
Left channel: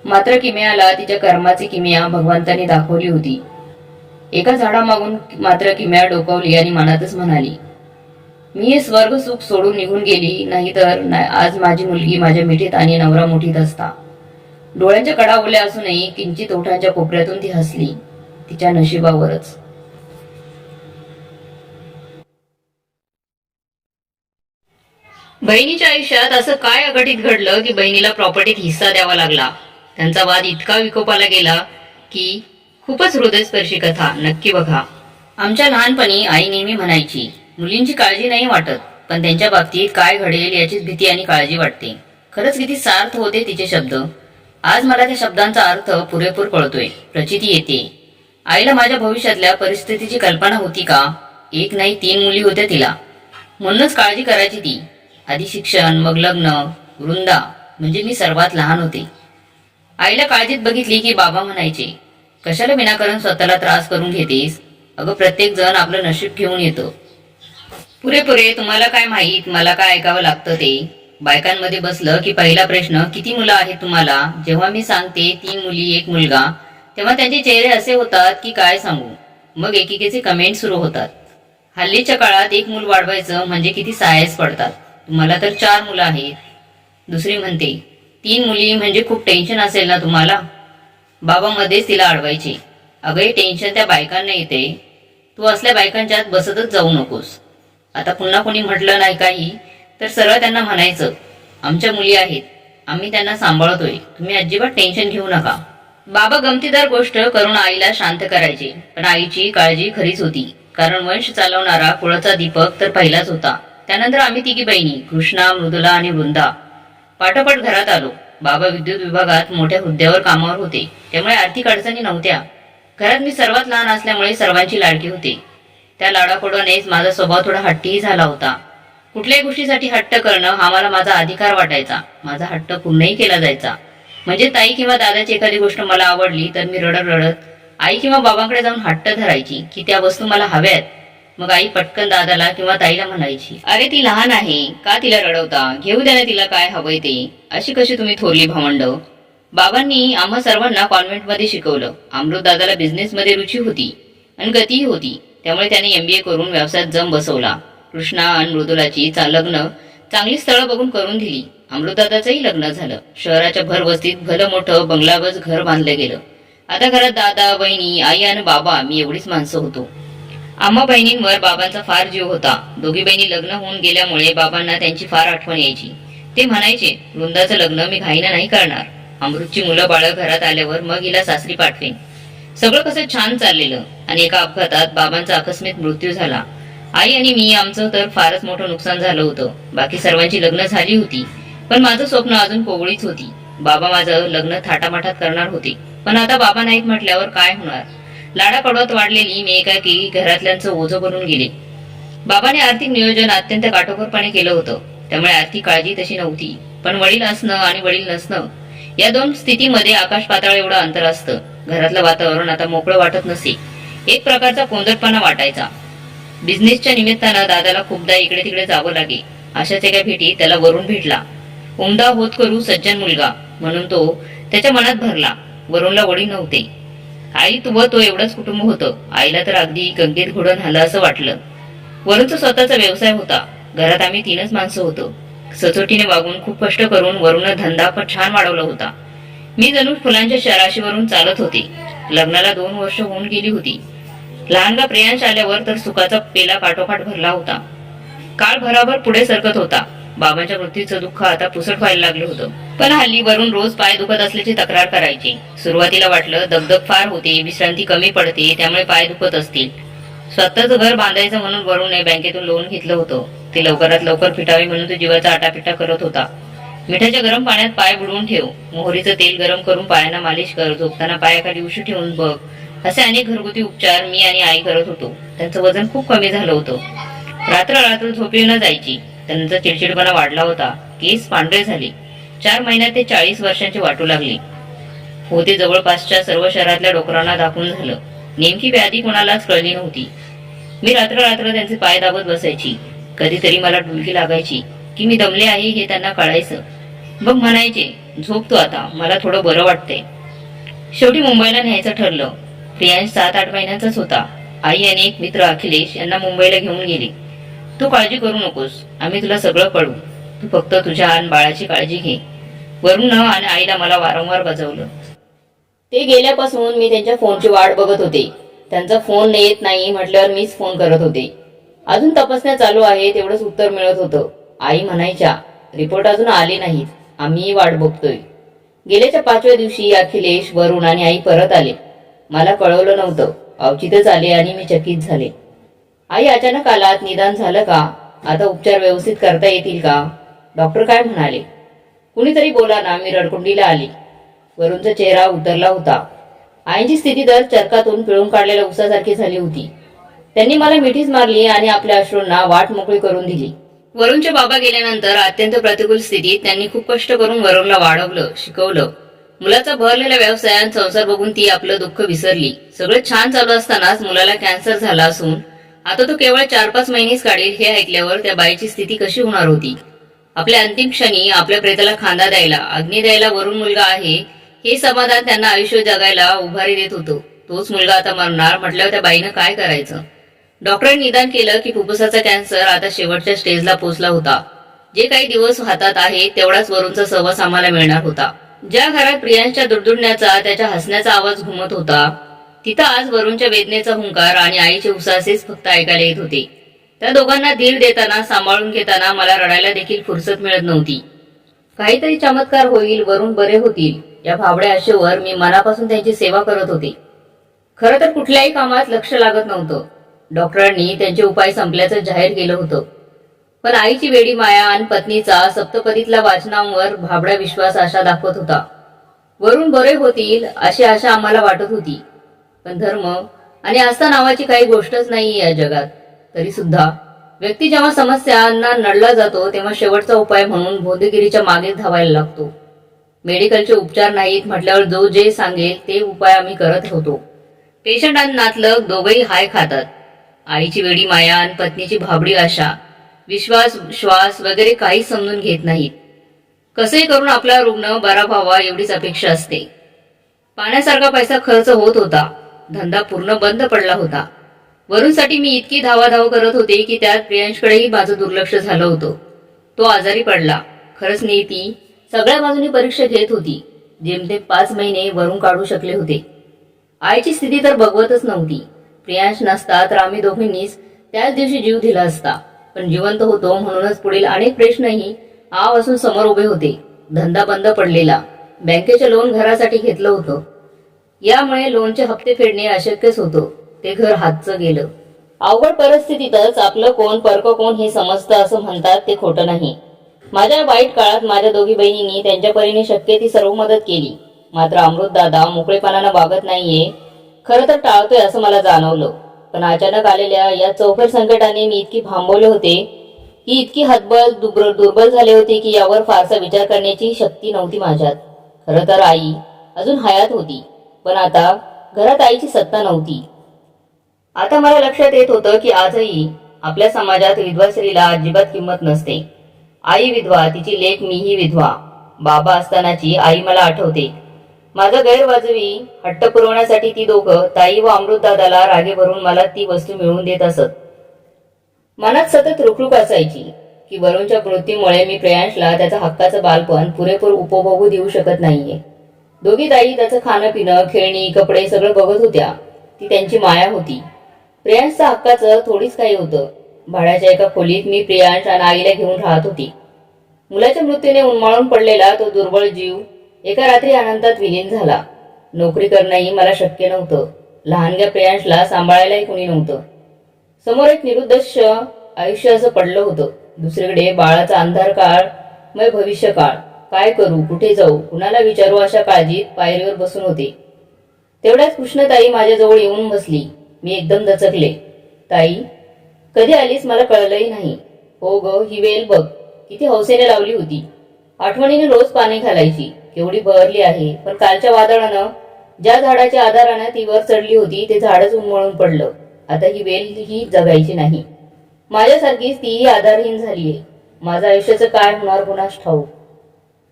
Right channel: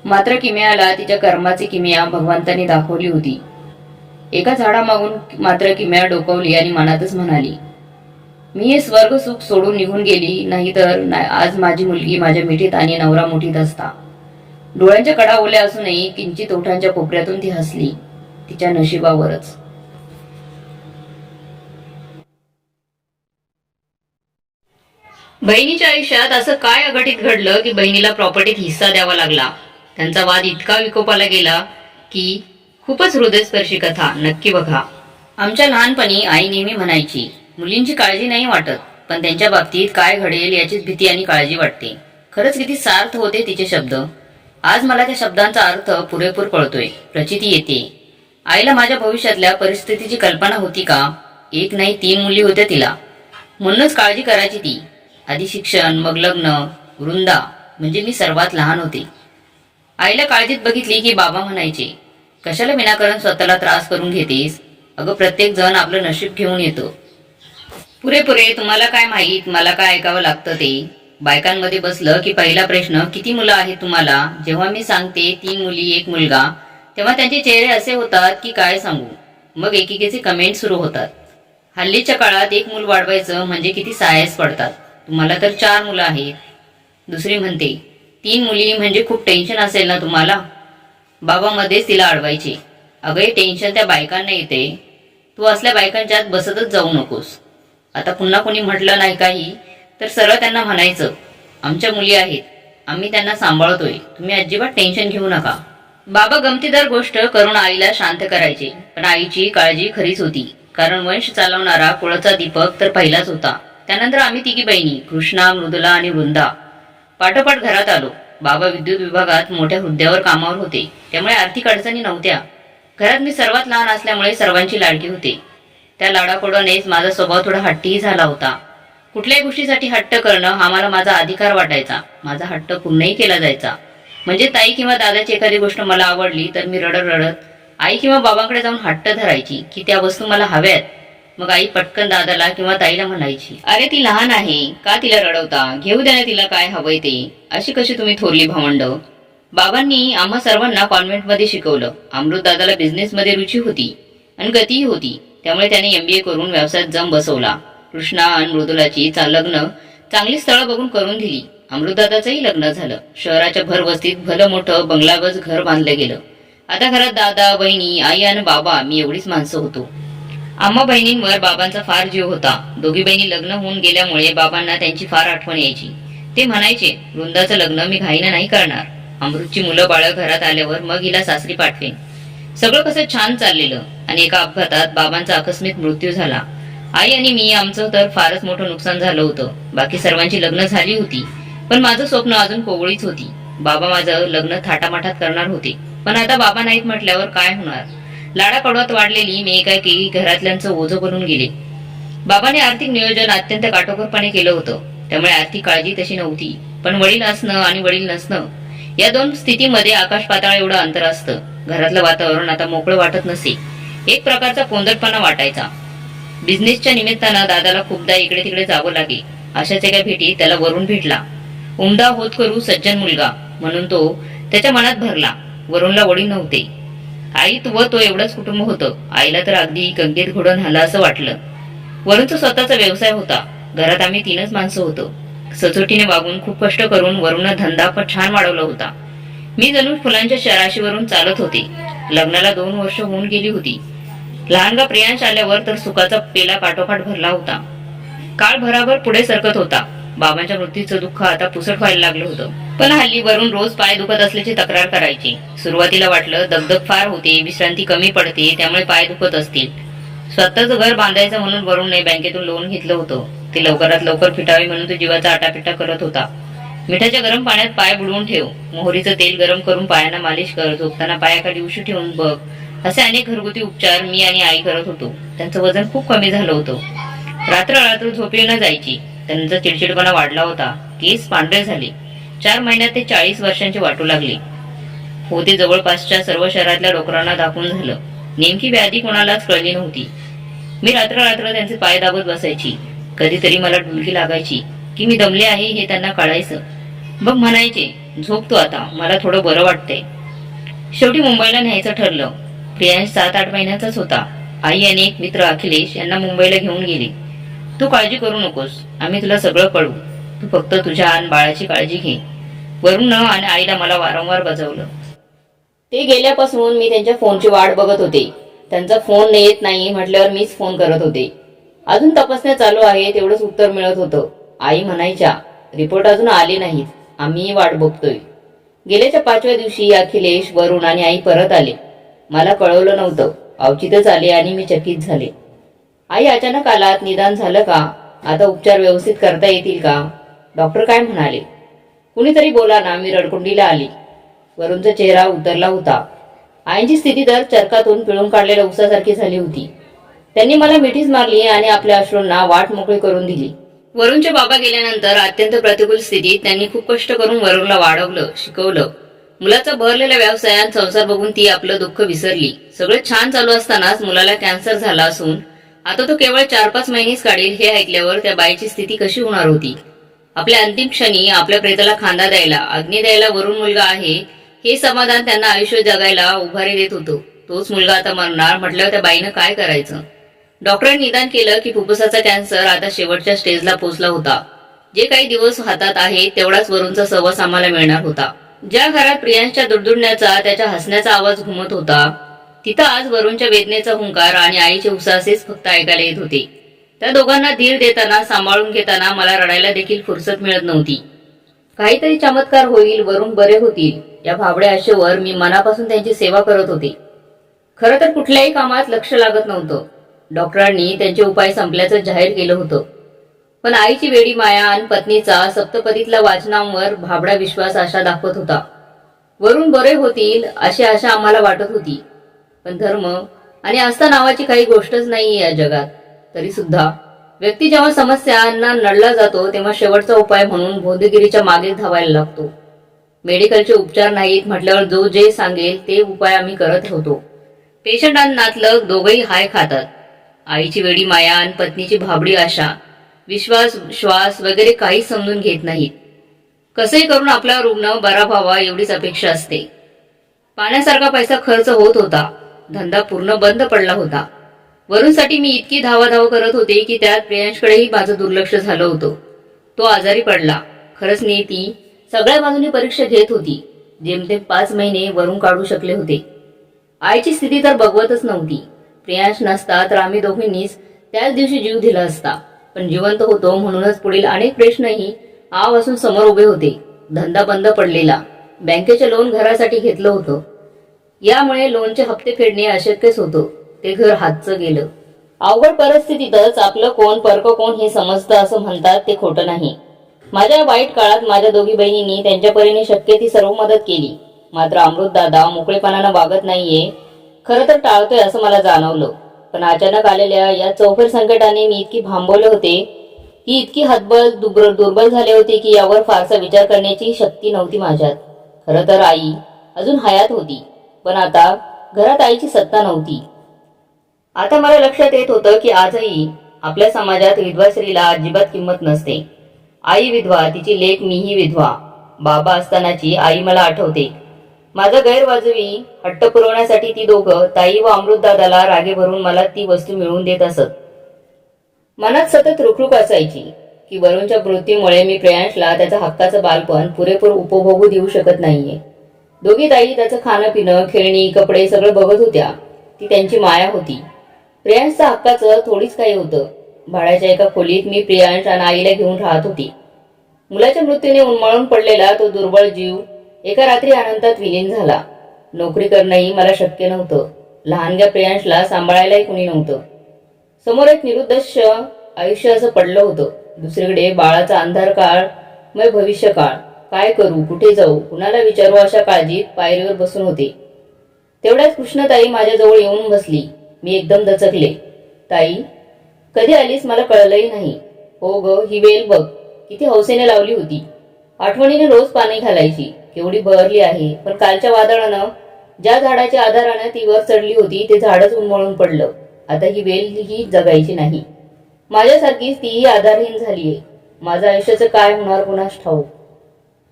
मात्र किमयाला तिच्या कर्माची किमया भगवंताने दाखवली होती. एका झाडामागून मात्र किमया डोकावली आणि मनातच म्हणाली, मी हे स्वर्ग सुख सोडून निघून गेली नाही तर आज माझी मुलगी माझ्या मिठीत आणि नवरा मुठीत असता. डोळ्यांच्या कडा ओल्या असूनही किंचित ओठांच्या कोपऱ्यातून ती हसली. तिच्या नशिबावरच. बहिणीच्या आयुष्यात असं काय अघटित घडलं की बहिणीला प्रॉपर्टीत हिस्सा द्यावा लागला. त्यांचा वाद इतका विकोपाला गेला की खूपच हृदयस्पर्शी कथा. नक्की बघा. आमच्या लहानपणी आई नेहमी म्हणायची, मुलींची काळजी नाही वाटत, पण त्यांच्या बाबतीत काय घडेल याचीच भीती आणि काळजी वाटते. खरंच किती सार्थ होते तिचे शब्द. आज मला त्या शब्दांचा अर्थ पुरेपूर कळतोय. प्रचिती येते. आईला माझ्या भविष्यातल्या परिस्थितीची कल्पना होती का? 1 नाही 3 मुली होत्या तिला. म्हणूनच काळजी करायची ती. आधी शिक्षण, मग लग्न. वृंदा म्हणजे मी सर्वात लहान होते. आईला काळजीत बघितली की बाबा म्हणायचे, कशाला विनाकारण स्वतःला त्रास करून घेतेस? अगं प्रत्येक जण आपलं नशीब घेऊन येतो. पुरे तुम्हाला काय माहीत मला काय ऐकावं लागतं ते. बायकांमध्ये बसलं की पहिला प्रश्न, किती मुलं आहेत तुम्हाला? जेव्हा मी सांगते 3 मुली 1 मुलगा, तेव्हा त्यांचे चेहरे असे होतात की काय सांगू. मग एकेकीचे कमेंट सुरू होतात. हल्लीच्या काळात 1 मूल वाढवायचं म्हणजे किती सायस पडतात. तुम्हाला तर 4 मुलं आहेत. दुसरी म्हणते, 3 मुली म्हणजे खूप टेन्शन असेल ना तुम्हाला? बाबा मध्येच तिला अडवायचे, अगं हे टेन्शन त्या बायकांना येते. तू असल्या बायकांच्यात बसतच जाऊ नकोस. आता पुन्हा कोणी म्हटलं नाही काही तर सरळ त्यांना म्हणायचं, आमच्या मुली आहेत, आम्ही त्यांना सांभाळतोय, तुम्ही अजिबात टेन्शन घेऊ नका. बाबा गमतीदार गोष्ट करून आईला शांत करायचे. पण आईची काळजी खरीच होती, कारण वंश चालवणारा कुळाचा दीपक तर पहिलाच होता. त्यानंतर आम्ही तिघी बहिणी, कृष्णा, मृदुला आणि वृंदा पाठोपाठ घरात आलो. बाबा विद्युत विभागात मोठ्या हुद्द्यावर कामावर होते, त्यामुळे आर्थिक अडचणी नव्हत्या. घरात मी सर्वात लहान असल्यामुळे सर्वांची लाडकी होते. त्या लाडाकोडानेच माझा स्वभाव थोडा हट्टीही झाला होता. कुठल्याही गोष्टीसाठी हट्ट करणं हा मला माझा अधिकार वाटायचा. माझा हट्ट पूर्णही केला जायचा. म्हणजे ताई किंवा दादाची एखादी गोष्ट मला आवडली तर मी रडत रडत आई किंवा बाबांकडे जाऊन हट्ट धरायची की त्या वस्तू मला हव्यात. मग आई पटकन दादाला किंवा ताईला म्हणायची, अरे ती लहान आहे, का तिला रडवता, घेऊ द्या ना तिला काय हवंय ते, अशी कशी तुम्ही थोरली भावंड. बाबांनी आम्हा सर्वांना कॉन्व्हेंटमध्ये शिकवलं. अमृत दादाला बिझनेसमध्ये रुची होती आणि गतीही होती, त्यामुळे त्याने MBA करून व्यवसायात जम बसवला. कृष्णा आणि मृदुलाची लग्न चांगली स्थळं बघून करून दिली. अमृतदादाचंही लग्न झालं. शहराच्या भरवस्तीत भलं मोठं बंगलागज घर बांधलं गेलं. आता घरात दादा, बहिणी, आई आणि बाबा, मी एवढीच माणसं होतो. आम्हा बहिणींवर बाबांचा फार जीव होता. दोघी बहिणी लग्न होऊन गेल्यामुळे बाबांना त्यांची फार आठवण यायची. ते म्हणायचे, वृंदाचं लग्न मी घाईनं नाही करणार. अमृतची मुलं बाळं घरात आल्यावर मग हिला सासरी पाठवेन. सगळं कसं छान चाललेलं आणि एका अपघातात बाबांचा आकस्मिक मृत्यू झाला. आई आणि मी, आमचं तर फारच मोठं नुकसान झालं होतं. बाकी सर्वांची लग्न झाली होती, पण माझं स्वप्न अजून कोवळीच होती. बाबा माझं लग्न थाटामाटात करणार होते, पण आता बाबा नाहीत म्हटल्यावर काय होणार. लाडाकडवत वाढलेली मी एकाकी घरातल्यांचं ओझं बनून गेले. बाबाने आर्थिक नियोजन अत्यंत काटेकोरपणे केलं होतं, त्यामुळे आर्थिक काळजी तशी नव्हती. पण वडील असणं आणि वडील नसणं या दोन स्थितीमध्ये आकाश पाताळ एवढं अंतर असतं. घरातलं वातावरण आता मोकळं वाटत नसे. एक प्रकारचा कोंदटपणा वाटायचा. बिझनेसच्या निमित्तानं दादाला खूपदा इकडे तिकडे जावं लागे. अशाच एका भेटीत त्याला वरून भेटला. उमदा होत करू सज्जन मुलगा म्हणून तो त्याच्या मनात भरला. वरूणला वडील नव्हते. आई व तो एवढंच कुटुंब होतं. आईला तर अगदी गंगेत घोडून आलं असं वाटलं. वरूणचा स्वतःचा व्यवसाय होता. घरात आम्ही 3च माणसं होतो. सचोटीने वागून खूप कष्ट करून वरून धंदा पण छान वाढवला होता. मी जणू फुलांच्या शराशीवरून चालत होते. लग्नाला 2 वर्ष होऊन गेली होती. लहानगा प्रियांश आल्यावर तर सुखाचा पेला काठोकाठ भरला होता. काळ भराभर पुढे सरकत होता. बाबांच्या मृत्यूचं दुःख आता पुसट व्हायला लागलं होतं. पण हल्ली वरून रोज पाय दुखत असल्याची तक्रार करायची. सुरुवातीला वाटलं दगदग फार होते, विश्रांती कमी पडते, त्यामुळे पाय दुखत असतील. स्वतःचं घर बांधायचं म्हणून वरूनने बँकेतून लोन घेतलं होतं. ते लवकरात लवकर फिटावे म्हणून तो जीवाचा आटापिटा करत होता. मिठाच्या गरम पाण्यात पाय बुडवून ठेव, मोहरीचं तेल गरम करून पायांना मालिश कर, झोपताना पायाखाली उशी ठेवून बघ, असे अनेक घरगुती उपचार मी आणि आई करत होतो. त्यांचं वजन खूप कमी झालं होतं. रात्र झोपी न जायची. त्यांचा चिडचिडपणा वाढला होता. केस पांढरे झाले. 4 महिन्यात ते 40 वर्षांचे वाटू लागले होते. जवळपासच्या सर्व शहरातल्या डोकरांना दाखवून झालं. नेमकी व्याधी कोणालाच कळली नव्हती. मी रात्र त्यांचे पाय दाबत बसायची. कधीतरी मला डुलकी लागायची की मी दमले आहे हे त्यांना कळायचं. मग म्हणायचे, झोप तू आता, मला थोडं बरं वाटतंय. शेवटी मुंबईला न्यायचं ठरलं. प्रियांश 7-8 महिन्याचाच होता. आई आणि एक मित्र अखिलेश यांना मुंबईला घेऊन गेले. तू काळजी करू नकोस, आम्ही तुला सगळं कळू, तू फक्त तुझ्या आणि बाळाची काळजी घे. वरून आणि आईला मला वारंवार बजावलं. ते गेल्यापासून मी त्यांच्या फोनची वाट बघत होते. त्यांचा फोन येत नाही म्हटल्यावर मीच फोन करत होते. अजून तपासण्या चालू आहे तेवढंच उत्तर मिळत होतं. आई म्हणायच्या, रिपोर्ट अजून आले नाहीत, आम्ही वाट बघतोय. गेल्याच्या 5व्या दिवशी अखिलेश, वरून आणि आई परत आले. मला कळवलं नव्हतं. अवचितच आले आणि मी चकित झाले. आई अचानक आलात, निदान झालं का? आता उपचार व्यवस्थित करता येतील का? डॉक्टर काय म्हणाले? कुणीतरी बोला ना. मी रडकुंडीला आली. वरूणचा चेहरा उतरला होता. आईंची स्थिती तर चरकातून पिळून काढलेल्या उसासारखी झाली होती. त्यांनी मला मिठीच मारली आणि आपल्या अश्रूंना वाट मोकळी करून दिली. वरूणचे बाबा गेल्यानंतर अत्यंत प्रतिकूल स्थितीत त्यांनी खूप कष्ट करून वरूणला वाढवलं, शिकवलं. मुलाचा भरलेला व्यवसाय आणि संसार बघून ती आपलं दुःख विसरली. सगळं छान चालू असतानाच मुलाला कॅन्सर झाला असून आता तो केवळ 4-5 महिनेच काढील हे ऐकल्यावर त्या बाईची स्थिती कशी होणार होती. आपल्या अंतिम क्षणी आपल्या प्रेताला खांदा द्यायला, अग्नी द्यायला वरून मुलगा आहे हे समाधान त्यांना आयुष्य जगायला उभारी देत होतं. तोच मुलगा आता मरणार म्हटल्यावर त्या बाईनं काय करायचं? डॉक्टरांनी निदान केलं की फुफ्फुसाचा कॅन्सर आता शेवटच्या स्टेजला पोहोचला होता. जे काही दिवस हातात आहे तेवढाच वरूणचा सहवास आम्हाला मिळणार होता. ज्या घरात प्रियांशच्या दुडदुडण्याचा, त्याच्या हसण्याचा आवाज घुमत होता, तिथं आज वरूणच्या वेदनेचा हुंकार आणि आईचे उसासेच फक्त ऐकायला येत होते. त्या दोघांना धीर देताना, सांभाळून घेताना मला रडायला देखील फुरसत मिळत नव्हती. काहीतरी चमत्कार होईल, वरून बरे होतील या भाबड्या आशेवर मी मनापासून त्यांची सेवा करत होते. खरं तर कुठल्याही कामात लक्ष लागत नव्हतं. डॉक्टरांनी त्यांचे उपाय संपल्याचं जाहीर केलं होतं. पण आईची वेडी माया आणि पत्नीचा सप्तपदीतला वाचनांवर भाबडा विश्वास आशा दाखवत होता. वरून बरे होतील अशी आशा आम्हाला वाटत होती. पण धर्म आणि आस्था नावाची काही गोष्टच नाही या जगात. तरी सुद्धा व्यक्ती जेव्हा समस्यांना नडला जातो तेव्हा शेवटचा उपाय म्हणून भोंदगिरीच्या मागेच धावायला लागतो. मेडिकलचे उपचार नाहीत म्हटल्यावर जो जे सांगेल ते उपाय आम्ही करत होतो. पेशंट आणि नातलग दोघंही हाय खातात. आईची वेडी माया आणि पत्नीची भाबडी आशा, विश्वास श्वास वगैरे काही समजून घेत नाहीत. कसंही करून आपला रुग्ण बरा व्हावा एवढीच अपेक्षा असते. पाण्यासारखा पैसा खर्च होत होता. धंदा पूर्ण बंद पडला होता. वरूणसाठी मी इतकी धावाधाव करत होते की त्यात प्रियांशकडेही माझं दुर्लक्ष झालं होतं. तो आजारी पडला. खरंच ती सगळ्या बाजूनी परीक्षा घेत होती. जेमतेम 5 महिने वरून काढू शकले होते. आईची स्थिती तर बघवतच नव्हती. प्रियांश नसता तर आम्ही दोघींनीच त्याच दिवशी जीव दिला असता. पण जिवंत होतो म्हणूनच पुढील अनेक प्रश्नही आवासून समोर उभे होते. धंदा बंद पडलेला. बँकेचे लोन घरासाठी घेतलं होतं. यामुळे लोनचे हप्ते फेडणे अशक्यच होतं. ते घर हातचं गेलं. अवघड परिस्थितीतच आपलं कोण परक कोण हे समजतं असं म्हणतात ते खोटं नाही. माझ्या वाईट काळात माझ्या दोघी बहिणींनी त्यांच्या परीने शक्य ती सर्व मदत केली. मात्र अमृतदादा मोकळेपणानं वागत नाहीये. खरं तर टाळतोय असं मला जाणवलं. पण अचानक आलेल्या या चौफेर संकटाने मी इतकी भांबवले होते की इतकी हतबल दुर्बल झाले होते की यावर फारसा विचार करण्याची शक्ती नव्हती माझ्यात. खरं तर आई अजून हयात होती. पण आता घरात आईची सत्ता नव्हती. आता मला लक्षात येत होतं की आजही आपल्या समाजात विधवा स्त्रीला अजिबात किंमत नसते. आई विधवा, तिची लेक मीही विधवा. बाबा असतानाची आई मला आठवते. माझा गैरवाजवी हट्ट पुरवण्यासाठी ती दोघं ताई व अमृतदादाला रागे भरून मला ती वस्तू मिळवून देत असत. मनात सतत रुखरुख असायची की वरूणच्या मृत्यूमुळे मी प्रियांशला त्याचा हक्काचं बालपण पुरेपूर उपभोगू देऊ शकत नाहीये. दोघी ताई त्याचं खाणं पिणं खेळणी कपडे सगळं बघत होत्या. ती त्यांची माया होती. प्रियांशचा हक्काचं थोडीच काही होतं. भाड्याच्या एका खोलीत मी प्रियांश आणि आईला घेऊन राहत होती. मुलाच्या मृत्यूने उन्माळून पडलेला तो दुर्बळ जीव एका रात्री अनंतात विलीन झाला. नोकरी करणंही मला शक्य नव्हतं. लहानग्या प्रियांशला सांभाळायलाही कुणी नव्हतं. समोर एक निरुद्देश आयुष्य असं पडलं होतं. दुसरीकडे बाळाचा अंधार काळ मग भविष्यकाळ. काय करू, कुठे जाऊ, कुणाला विचारू अशा काळजीत पायरीवर बसून होते. तेवढ्यात कृष्णताई माझ्याजवळ येऊन बसली. मी एकदम दचकले. ताई, कधी आलीस मला कळलंही नाही. हो ग, ही वेल बघ किती हौसेने लावली होती. आठवणीने रोज पाणी घालायची. केवढी बहरली आहे. पण कालच्या वादळानं ज्या झाडाच्या आधारानं ती वर चढली होती ते झाडच उन्मळून पडलं. आता ही वेल ही जगायची नाही. माझ्यासारखीच तीही आधारहीन झालीये. माझं आयुष्याचं काय होणार कुणास ठाऊक.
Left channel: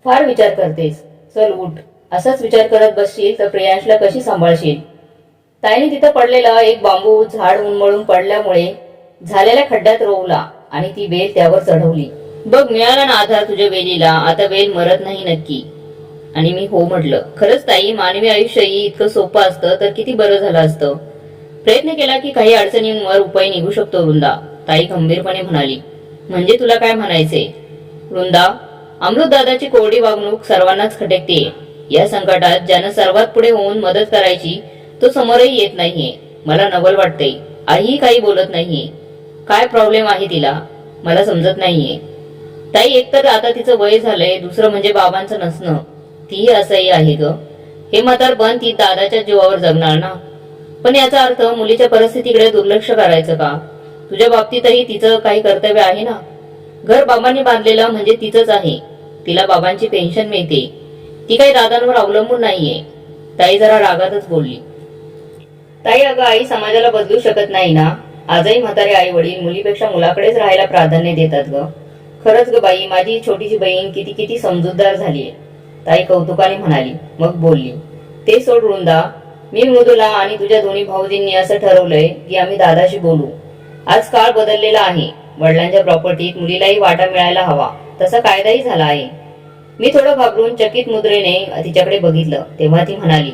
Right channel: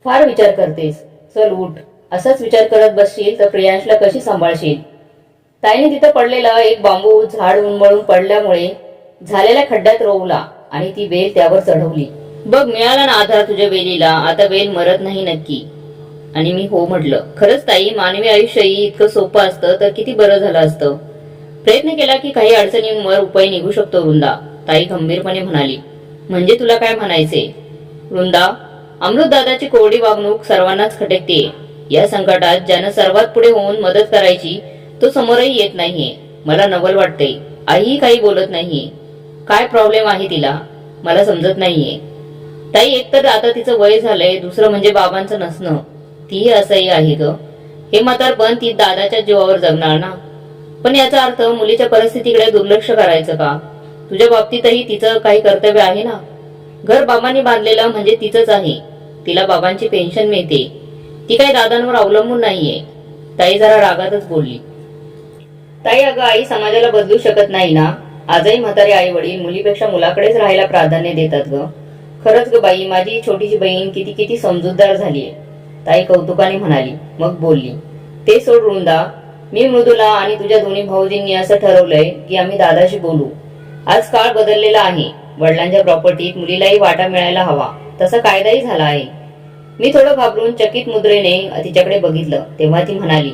फार विचार करतेस. चल उठ. असाच विचार करत बसशील तर प्रियांशला कशी सांभाळशील. ताईने तिथं पडलेला एक बांबू झाड उन्मळून पडल्यामुळे झालेल्या खड्ड्यात रोवला आणि ती वेल त्यावर चढवली. बघ, मिळाला ना आधार तुझ्या वेलीला. आता वेल मरत नाही नक्की. आणि मी हो म्हटलं. खरंच ताई, मानवी आयुष्यही इतकं सोपं असतं तर किती बरं झालं असतं. प्रयत्न केला की काही अडचणींवर उपाय निघू शकतो वृंदा. ताई गंभीरपणे म्हणाली. म्हणजे तुला काय म्हणायचे वृंदा? अमृतदादाची कोरडी वागणूक सर्वांनाच खटकते. या संकटात ज्यानं सर्वात पुढे होऊन मदत करायची तो समोरही येत नाहीये. मला नवल वाटते. आईही काही बोलत नाहीये. काय प्रॉब्लेम आहे तिला मला समजत नाहीये. ताई, एकतर आता तिचं वय झालंय, दुसरं म्हणजे बाबांचं नसणं. तीही असंही आहे ग. हे म्हातारपण ती दादाच्या जीवावर जगणार ना. पण याचा अर्थ मुलीच्या परिस्थितीकडे दुर्लक्ष करायचं का? तुझ्या बाबतीतही तिचं काही कर्तव्य आहे ना. घर बाबांनी बांधलेलं म्हणजे तिचंच आहे. तिला बाबांची पेन्शन मिळते. ती काही दादांवर अवलंबून नाहीये. ताई जरा रागातच बोलली. ताई, अगं आई समाजाला बदलू शकत नाही ना. आजही म्हातारे आई वडील मुलीपेक्षा मुलाकडेच राहायला प्राधान्य देतात ग. खरंच ग बाई, माझी छोटीशी बहीण किती किती समजूतदार झालीये. ताई कौतुकाने म्हणाली. मग बोलली. ते सोड वृंदा. मी मृदुला आणि तुझ्या दोन्ही भाऊजींनी असं ठरवलंय की आम्ही दादाशी बोलू. आज काळ बदललेला आहे. वडिलांच्या प्रॉपर्टीत मुलीलाही वाटा मिळायला हवा तसा कायदाही झाला आहे. मी थोडं घाबरून चकित मुद्रेने तिच्याकडे बघितलं. तेव्हा ती म्हणाली.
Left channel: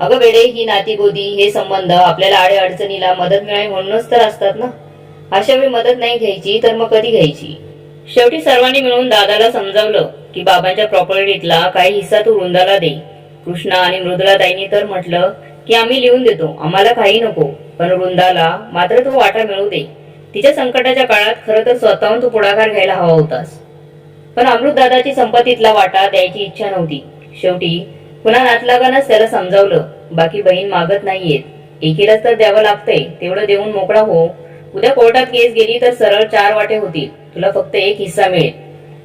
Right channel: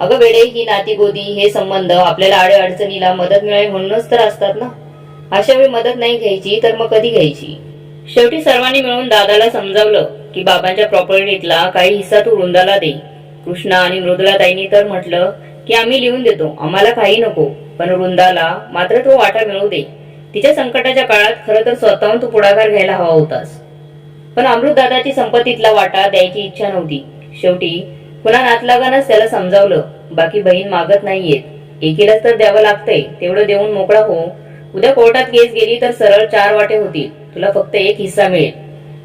अगं वेडे, ही नातीगोदी हे संबंध आपल्याला आडे अडचणीला मदत मिळावी म्हणूनच तर असतात ना. अशा वेळी मदत नाही घ्यायची तर मग कधी घ्यायची? शेवटी सर्वांनी मिळून दादाला समजावलं की बाबांच्या प्रॉपर्टीतला काही हिस्सा तू वृंदाला दे. कृष्णा आणि मृदुला ताईंनी तर म्हटलं की आम्ही लिहून देतो, आम्हाला काही नको. पण वृंदाला मात्र तो वाटा मिळू दे. तिच्या संकटाच्या काळात खरं तर स्वतःहून तू पुढाकार घ्यायला हवा होतास. पण अमृतदादाची संपत्तीतला वाटा द्यायची इच्छा नव्हती. शेवटी पुन्हा नातलागानच त्याला समजावलं. बाकी बहीण मागत नाहीयेत. एकीलाच तर द्यावं लागतंय. तेवढं देऊन मोकळा हो. उद्या कोर्टात केस गेली तर सरळ 4 वाटे होतील. तुला फक्त एक हिस्सा मिळेल.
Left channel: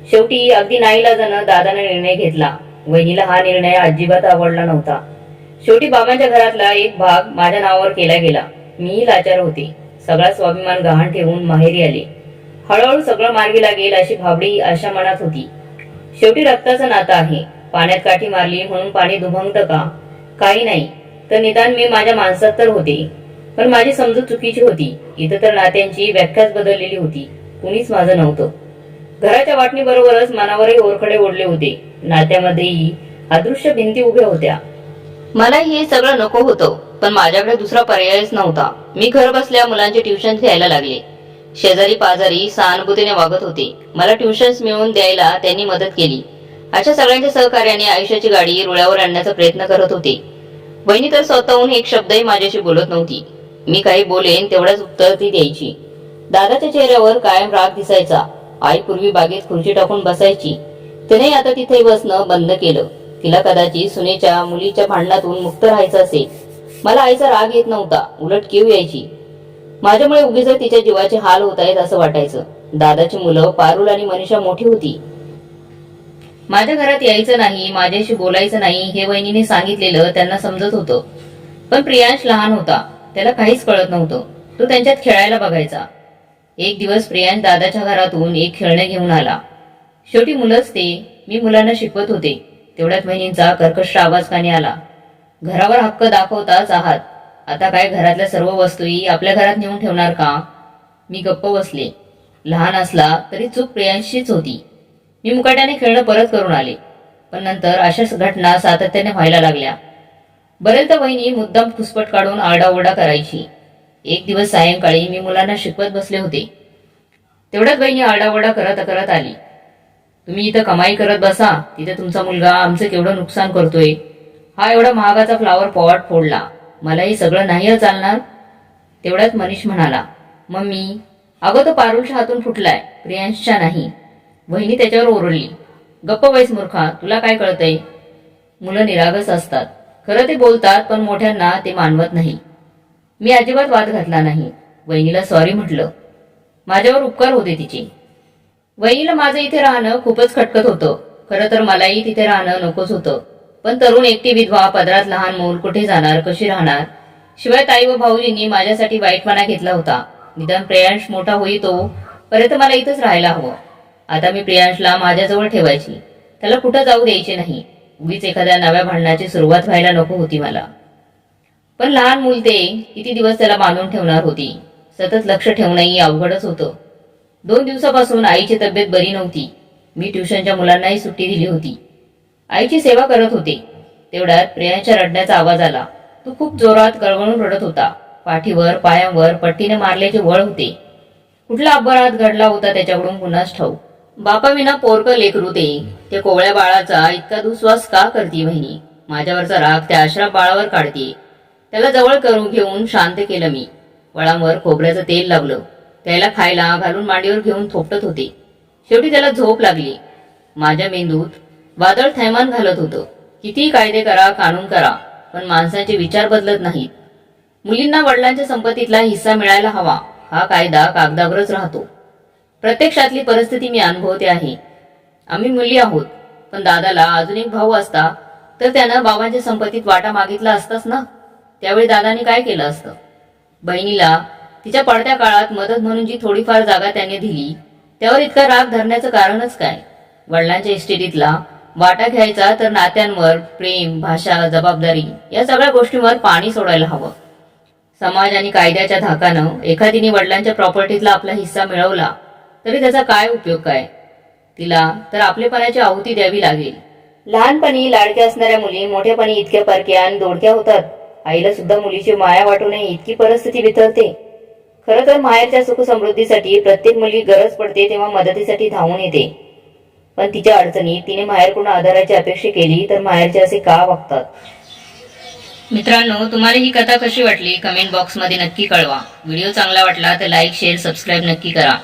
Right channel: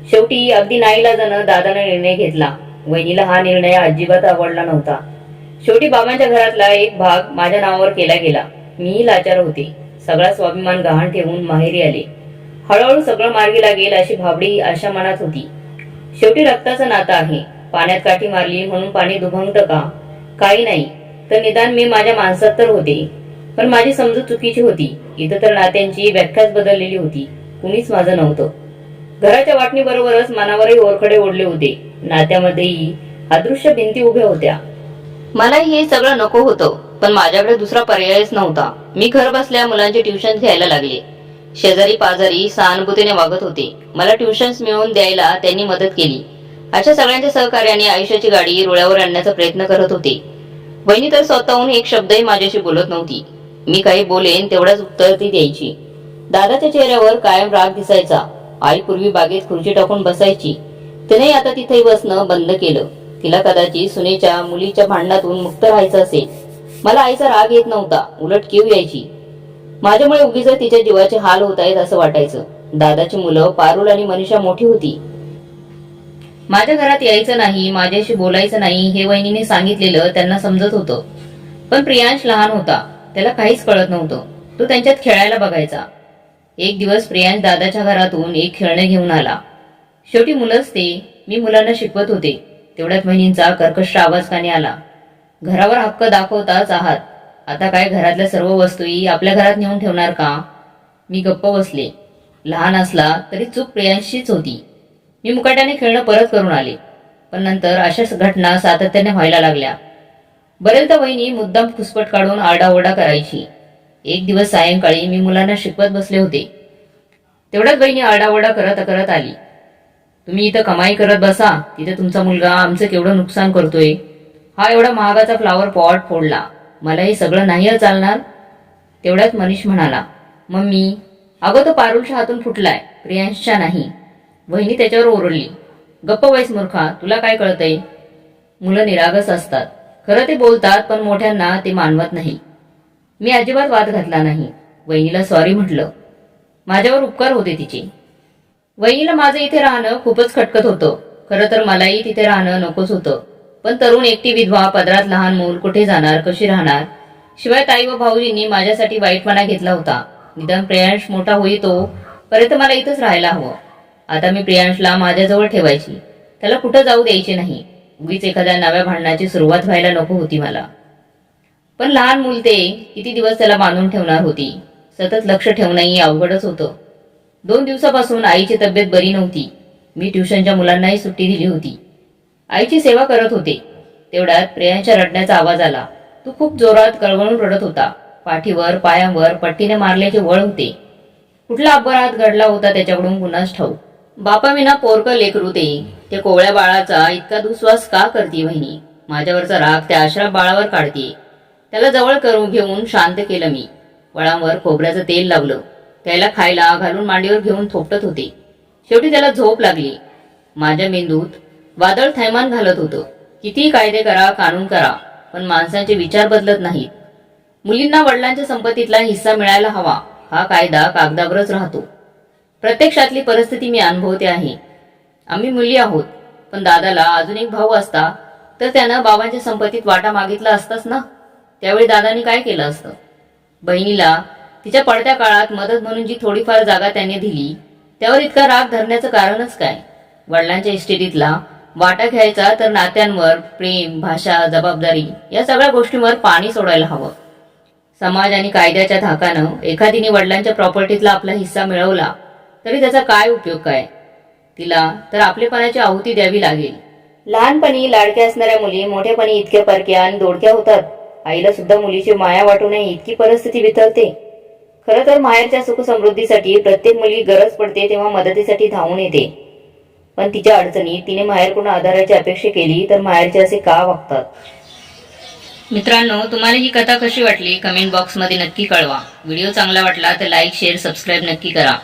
शेवटी अगदी नाईलाजानं दादाने निर्णय घेतला. वहिनीला हा निर्णय अजिबात आवडला नव्हता. शेवटी बाबांच्या घरातला एक भाग माझ्या नावावर केला गेला. मीही लाचार होते. सगळा स्वाभिमान गहाण ठेवून माहेरी आले. हळूहळू सगळं मार्गी लागेल अशी भाबडी आशा मनात होती. शेवटी रक्ताचं नातं आहे. पाण्यात काठी मारली म्हणून पाणी दुभंगतं का? काही नाही, तर निदान मी माझ्या माणसात तर होते. पण माझी समजूत चुकीची होती. इथं तर नात्यांची व्याख्याच बदललेली होती. कुणीच माझं नव्हतं. घराच्या वाटणीबरोबरच मनावरही ओरखडे ओढले होते. नात्यामध्येही अदृश्य भिंती उभ्या होत्या. मलाही हे सगळं नको होतं, पण माझ्याकडे दुसरा पर्यायच नव्हता. मी घर बसल्या मुलांचे ट्युशन घ्यायला लागले. शेजारी पाजारी सहानुभूतीने वागत होते. मला ट्युशन्स मिळवून द्यायला त्यांनी मदत केली. अशा सगळ्यांच्या सहकार्याने आयुष्याची गाडी रुळावर आणण्याचा प्रयत्न करत होते. वहिनी तर स्वतःहून एक शब्दही माझ्याशी बोलत नव्हती. मी काही बोलेन तेवढ्याच उत्तर ती द्यायची. दादाच्या चेहऱ्यावर कायम राग दिसायचा. आई पूर्वी बागेत खुर्ची टाकून बसायची. तिने आता तिथे बसणं बंद केलं. तिला कदाचित सुनेच्या मुलीच्या भांडणातून मुक्त राहायचं असेल. मला आईचा राग येत नव्हता, उलट कीव यायची. माझ्यामुळे उगीच तिच्या जीवाचे हाल होत आहेत असं वाटायचं. दादाची मुलं पारुल आणि मनीषा मोठी होती. माझ्या घरात यायचं नाही, माझ्याशी बोलायचं नाही हे वहिनीने सांगितलेलं त्यांना समजत होतं. पण प्रियांश लहान होता. त्याला काहीच कळत नव्हतं. तो त्यांच्यात खेळायला बघायचा. एक दिवस प्रियांश दादाच्या घरातून एक खेळणे घेऊन आला. शेवटी मुलंच ते. मी मुलांना शिकवत होते. तेवढ्यात वहिनींचा कर्कश आवाज कानी आला. घरावर हक्क दाखवताच आहात. आता काय घरातल्या सर्व वस्तूही आपल्या घरात नेऊन ठेवणार का? मी गप्प बसले. लहान असला तरी चूक प्रियांशीच होती. मी मुकाट्याने खेळणं परत करून आले. पण नंतर अशाच घटना सातत्याने व्हायला लागल्या. बरेचदा वहिनी मुद्दाम फुसपट काढून आरडाओरडा करायची. एक दिवस सायंकाळी मी मुलांना शिकवत बसले होते. तेवढ्यात वहिनी आरडाओरडा करत करत आली. तुम्ही इथं कमाई करत बसा, तिथे तुमचा मुलगा आमचं केवढं नुकसान करतोय. हा एवढा महागाचा फ्लावर पॉट फोडला. मला हे सगळं नाही चालणार. तेवढ्यात मनीष म्हणाला, मम्मी, अगं तो पारुलच्या हातून फुटलाय, प्रियांशच्या नाही. वहिनी त्याच्यावर ओरडली, गप्प बैस मूर्खा, तुला काय कळतंय? मुलं निरागस असतात. खरं ते बोलतात, पण मोठ्यांना ते मानवत नाही. मी अजिबात वाद घातला नाही. वहिनीला सॉरी म्हटलं. माझ्यावर उपकार होते तिचे. वहिनीला माझं इथे राहणं खूपच खटकत होतं. खरं तर मलाही तिथे राहणं नकोच होतं. पण तरुण एकटी विधवा, पदरात लहान मूल, कुठे जाणार, कशी राहणार? शिवाय ताई व भाऊजींनी माझ्यासाठी वाईटपणा घेतला होता. निदान प्रियांश मोठा होईतो पर्यंत मला इथंच राहायला हवं. आता मी प्रियांशला माझ्याजवळ ठेवायची. त्याला कुठं जाऊ द्यायचे नाही. उगीच एखाद्या नव्या भांडणाची सुरुवात व्हायला नको होती मला. पण लहान मूल ते किती दिवस त्याला बांधून ठेवणार होती? सतत लक्ष ठेवणंही अवघडच होतं. 2 दिवसापासून आईची तब्येत बरी नव्हती. मी ट्युशनच्या मुलांनाही सुट्टी दिली होती. आईची सेवा करत होते. तेवढ्यात प्रियांच्या रडण्याचा आवाज आला. तो खूप जोरात कळवळून रडत होता. पाठीवर पायांवर पट्टीने मारल्याचे वळ होते. कुठला अपघात घडला होता त्याच्याकडून कुणास ठाऊक. बापाविना पोरकं लेकरू ते कोवळ्या बाळाचा इतका दुस्वास का करते वहिनी? माझ्यावरचा राग त्या अश्राप बाळावर काढते. त्याला जवळ करून घेऊन शांत केलं मी. वळांवर खोबऱ्याचं तेल लावलं. त्याला खायला घालून मांडीवर घेऊन थोपटत होते. शेवटी त्याला झोप लागली. माझ्या मेंदूत वादळ थैमान घालत होतं. किती कायदे करा, कानून करा, पण माणसांचे विचार बदलत नाहीत. मुलींना वडिलांच्या संपत्तीतला हिस्सा मिळायला हवा हा कायदा कागदावरच राहतो. प्रत्यक्षातली परिस्थिती मी अनुभवते आहे. आम्ही मुली आहोत, पण दादाला अजून एक भाऊ असता तर त्यानं बाबांच्या संपत्तीत वाटा मागितला असताच ना. त्यावेळी दादाने काय केलं असतं? बहिणीला तिच्या पडत्या काळात मदत म्हणून जी थोडीफार जागा त्यांनी दिली त्यावर इतका राग धरण्याचं कारणच काय? वडिलांच्या इस्टेटीतला वाटा घ्यायचा तर नात्यांवर, प्रेम, भाषा, जबाबदारी या सगळ्या गोष्टींवर पाणी सोडायला हवं. समाज आणि कायद्याच्या धाकानं एखादीने वडिलांच्या प्रॉपर्टीतला आपला हिस्सा मिळवला तरी त्याचा काय उपयोग काय? तिला तर आपलेपणाची आहुती द्यावी लागेल. लहानपणी लाडक्या असणाऱ्या मुली मोठ्यापणी इतक्या परक्या आणि दोडक्या होतात. आईला सुद्धा मुलीची माया वाटू नये इतकी परिस्थिती बिथरते. खरं तर माहेरच्या सुखसमृद्धीसाठी प्रत्येक मुलगी गरज पडते तेव्हा मदतीसाठी धावून येते. पण तिच्या अडचणीत तिने माहेरकडून आधाराची अपेक्षा केली तर माहेरचे असे का वागतात? मित्रांनो, तुम्हाला ही कथा कशी वाटली कमेंट बॉक्समध्ये नक्की कळवा. व्हिडिओ चांगला वाटला तर लाईक, शेअर, सबस्क्राईब नक्की करा.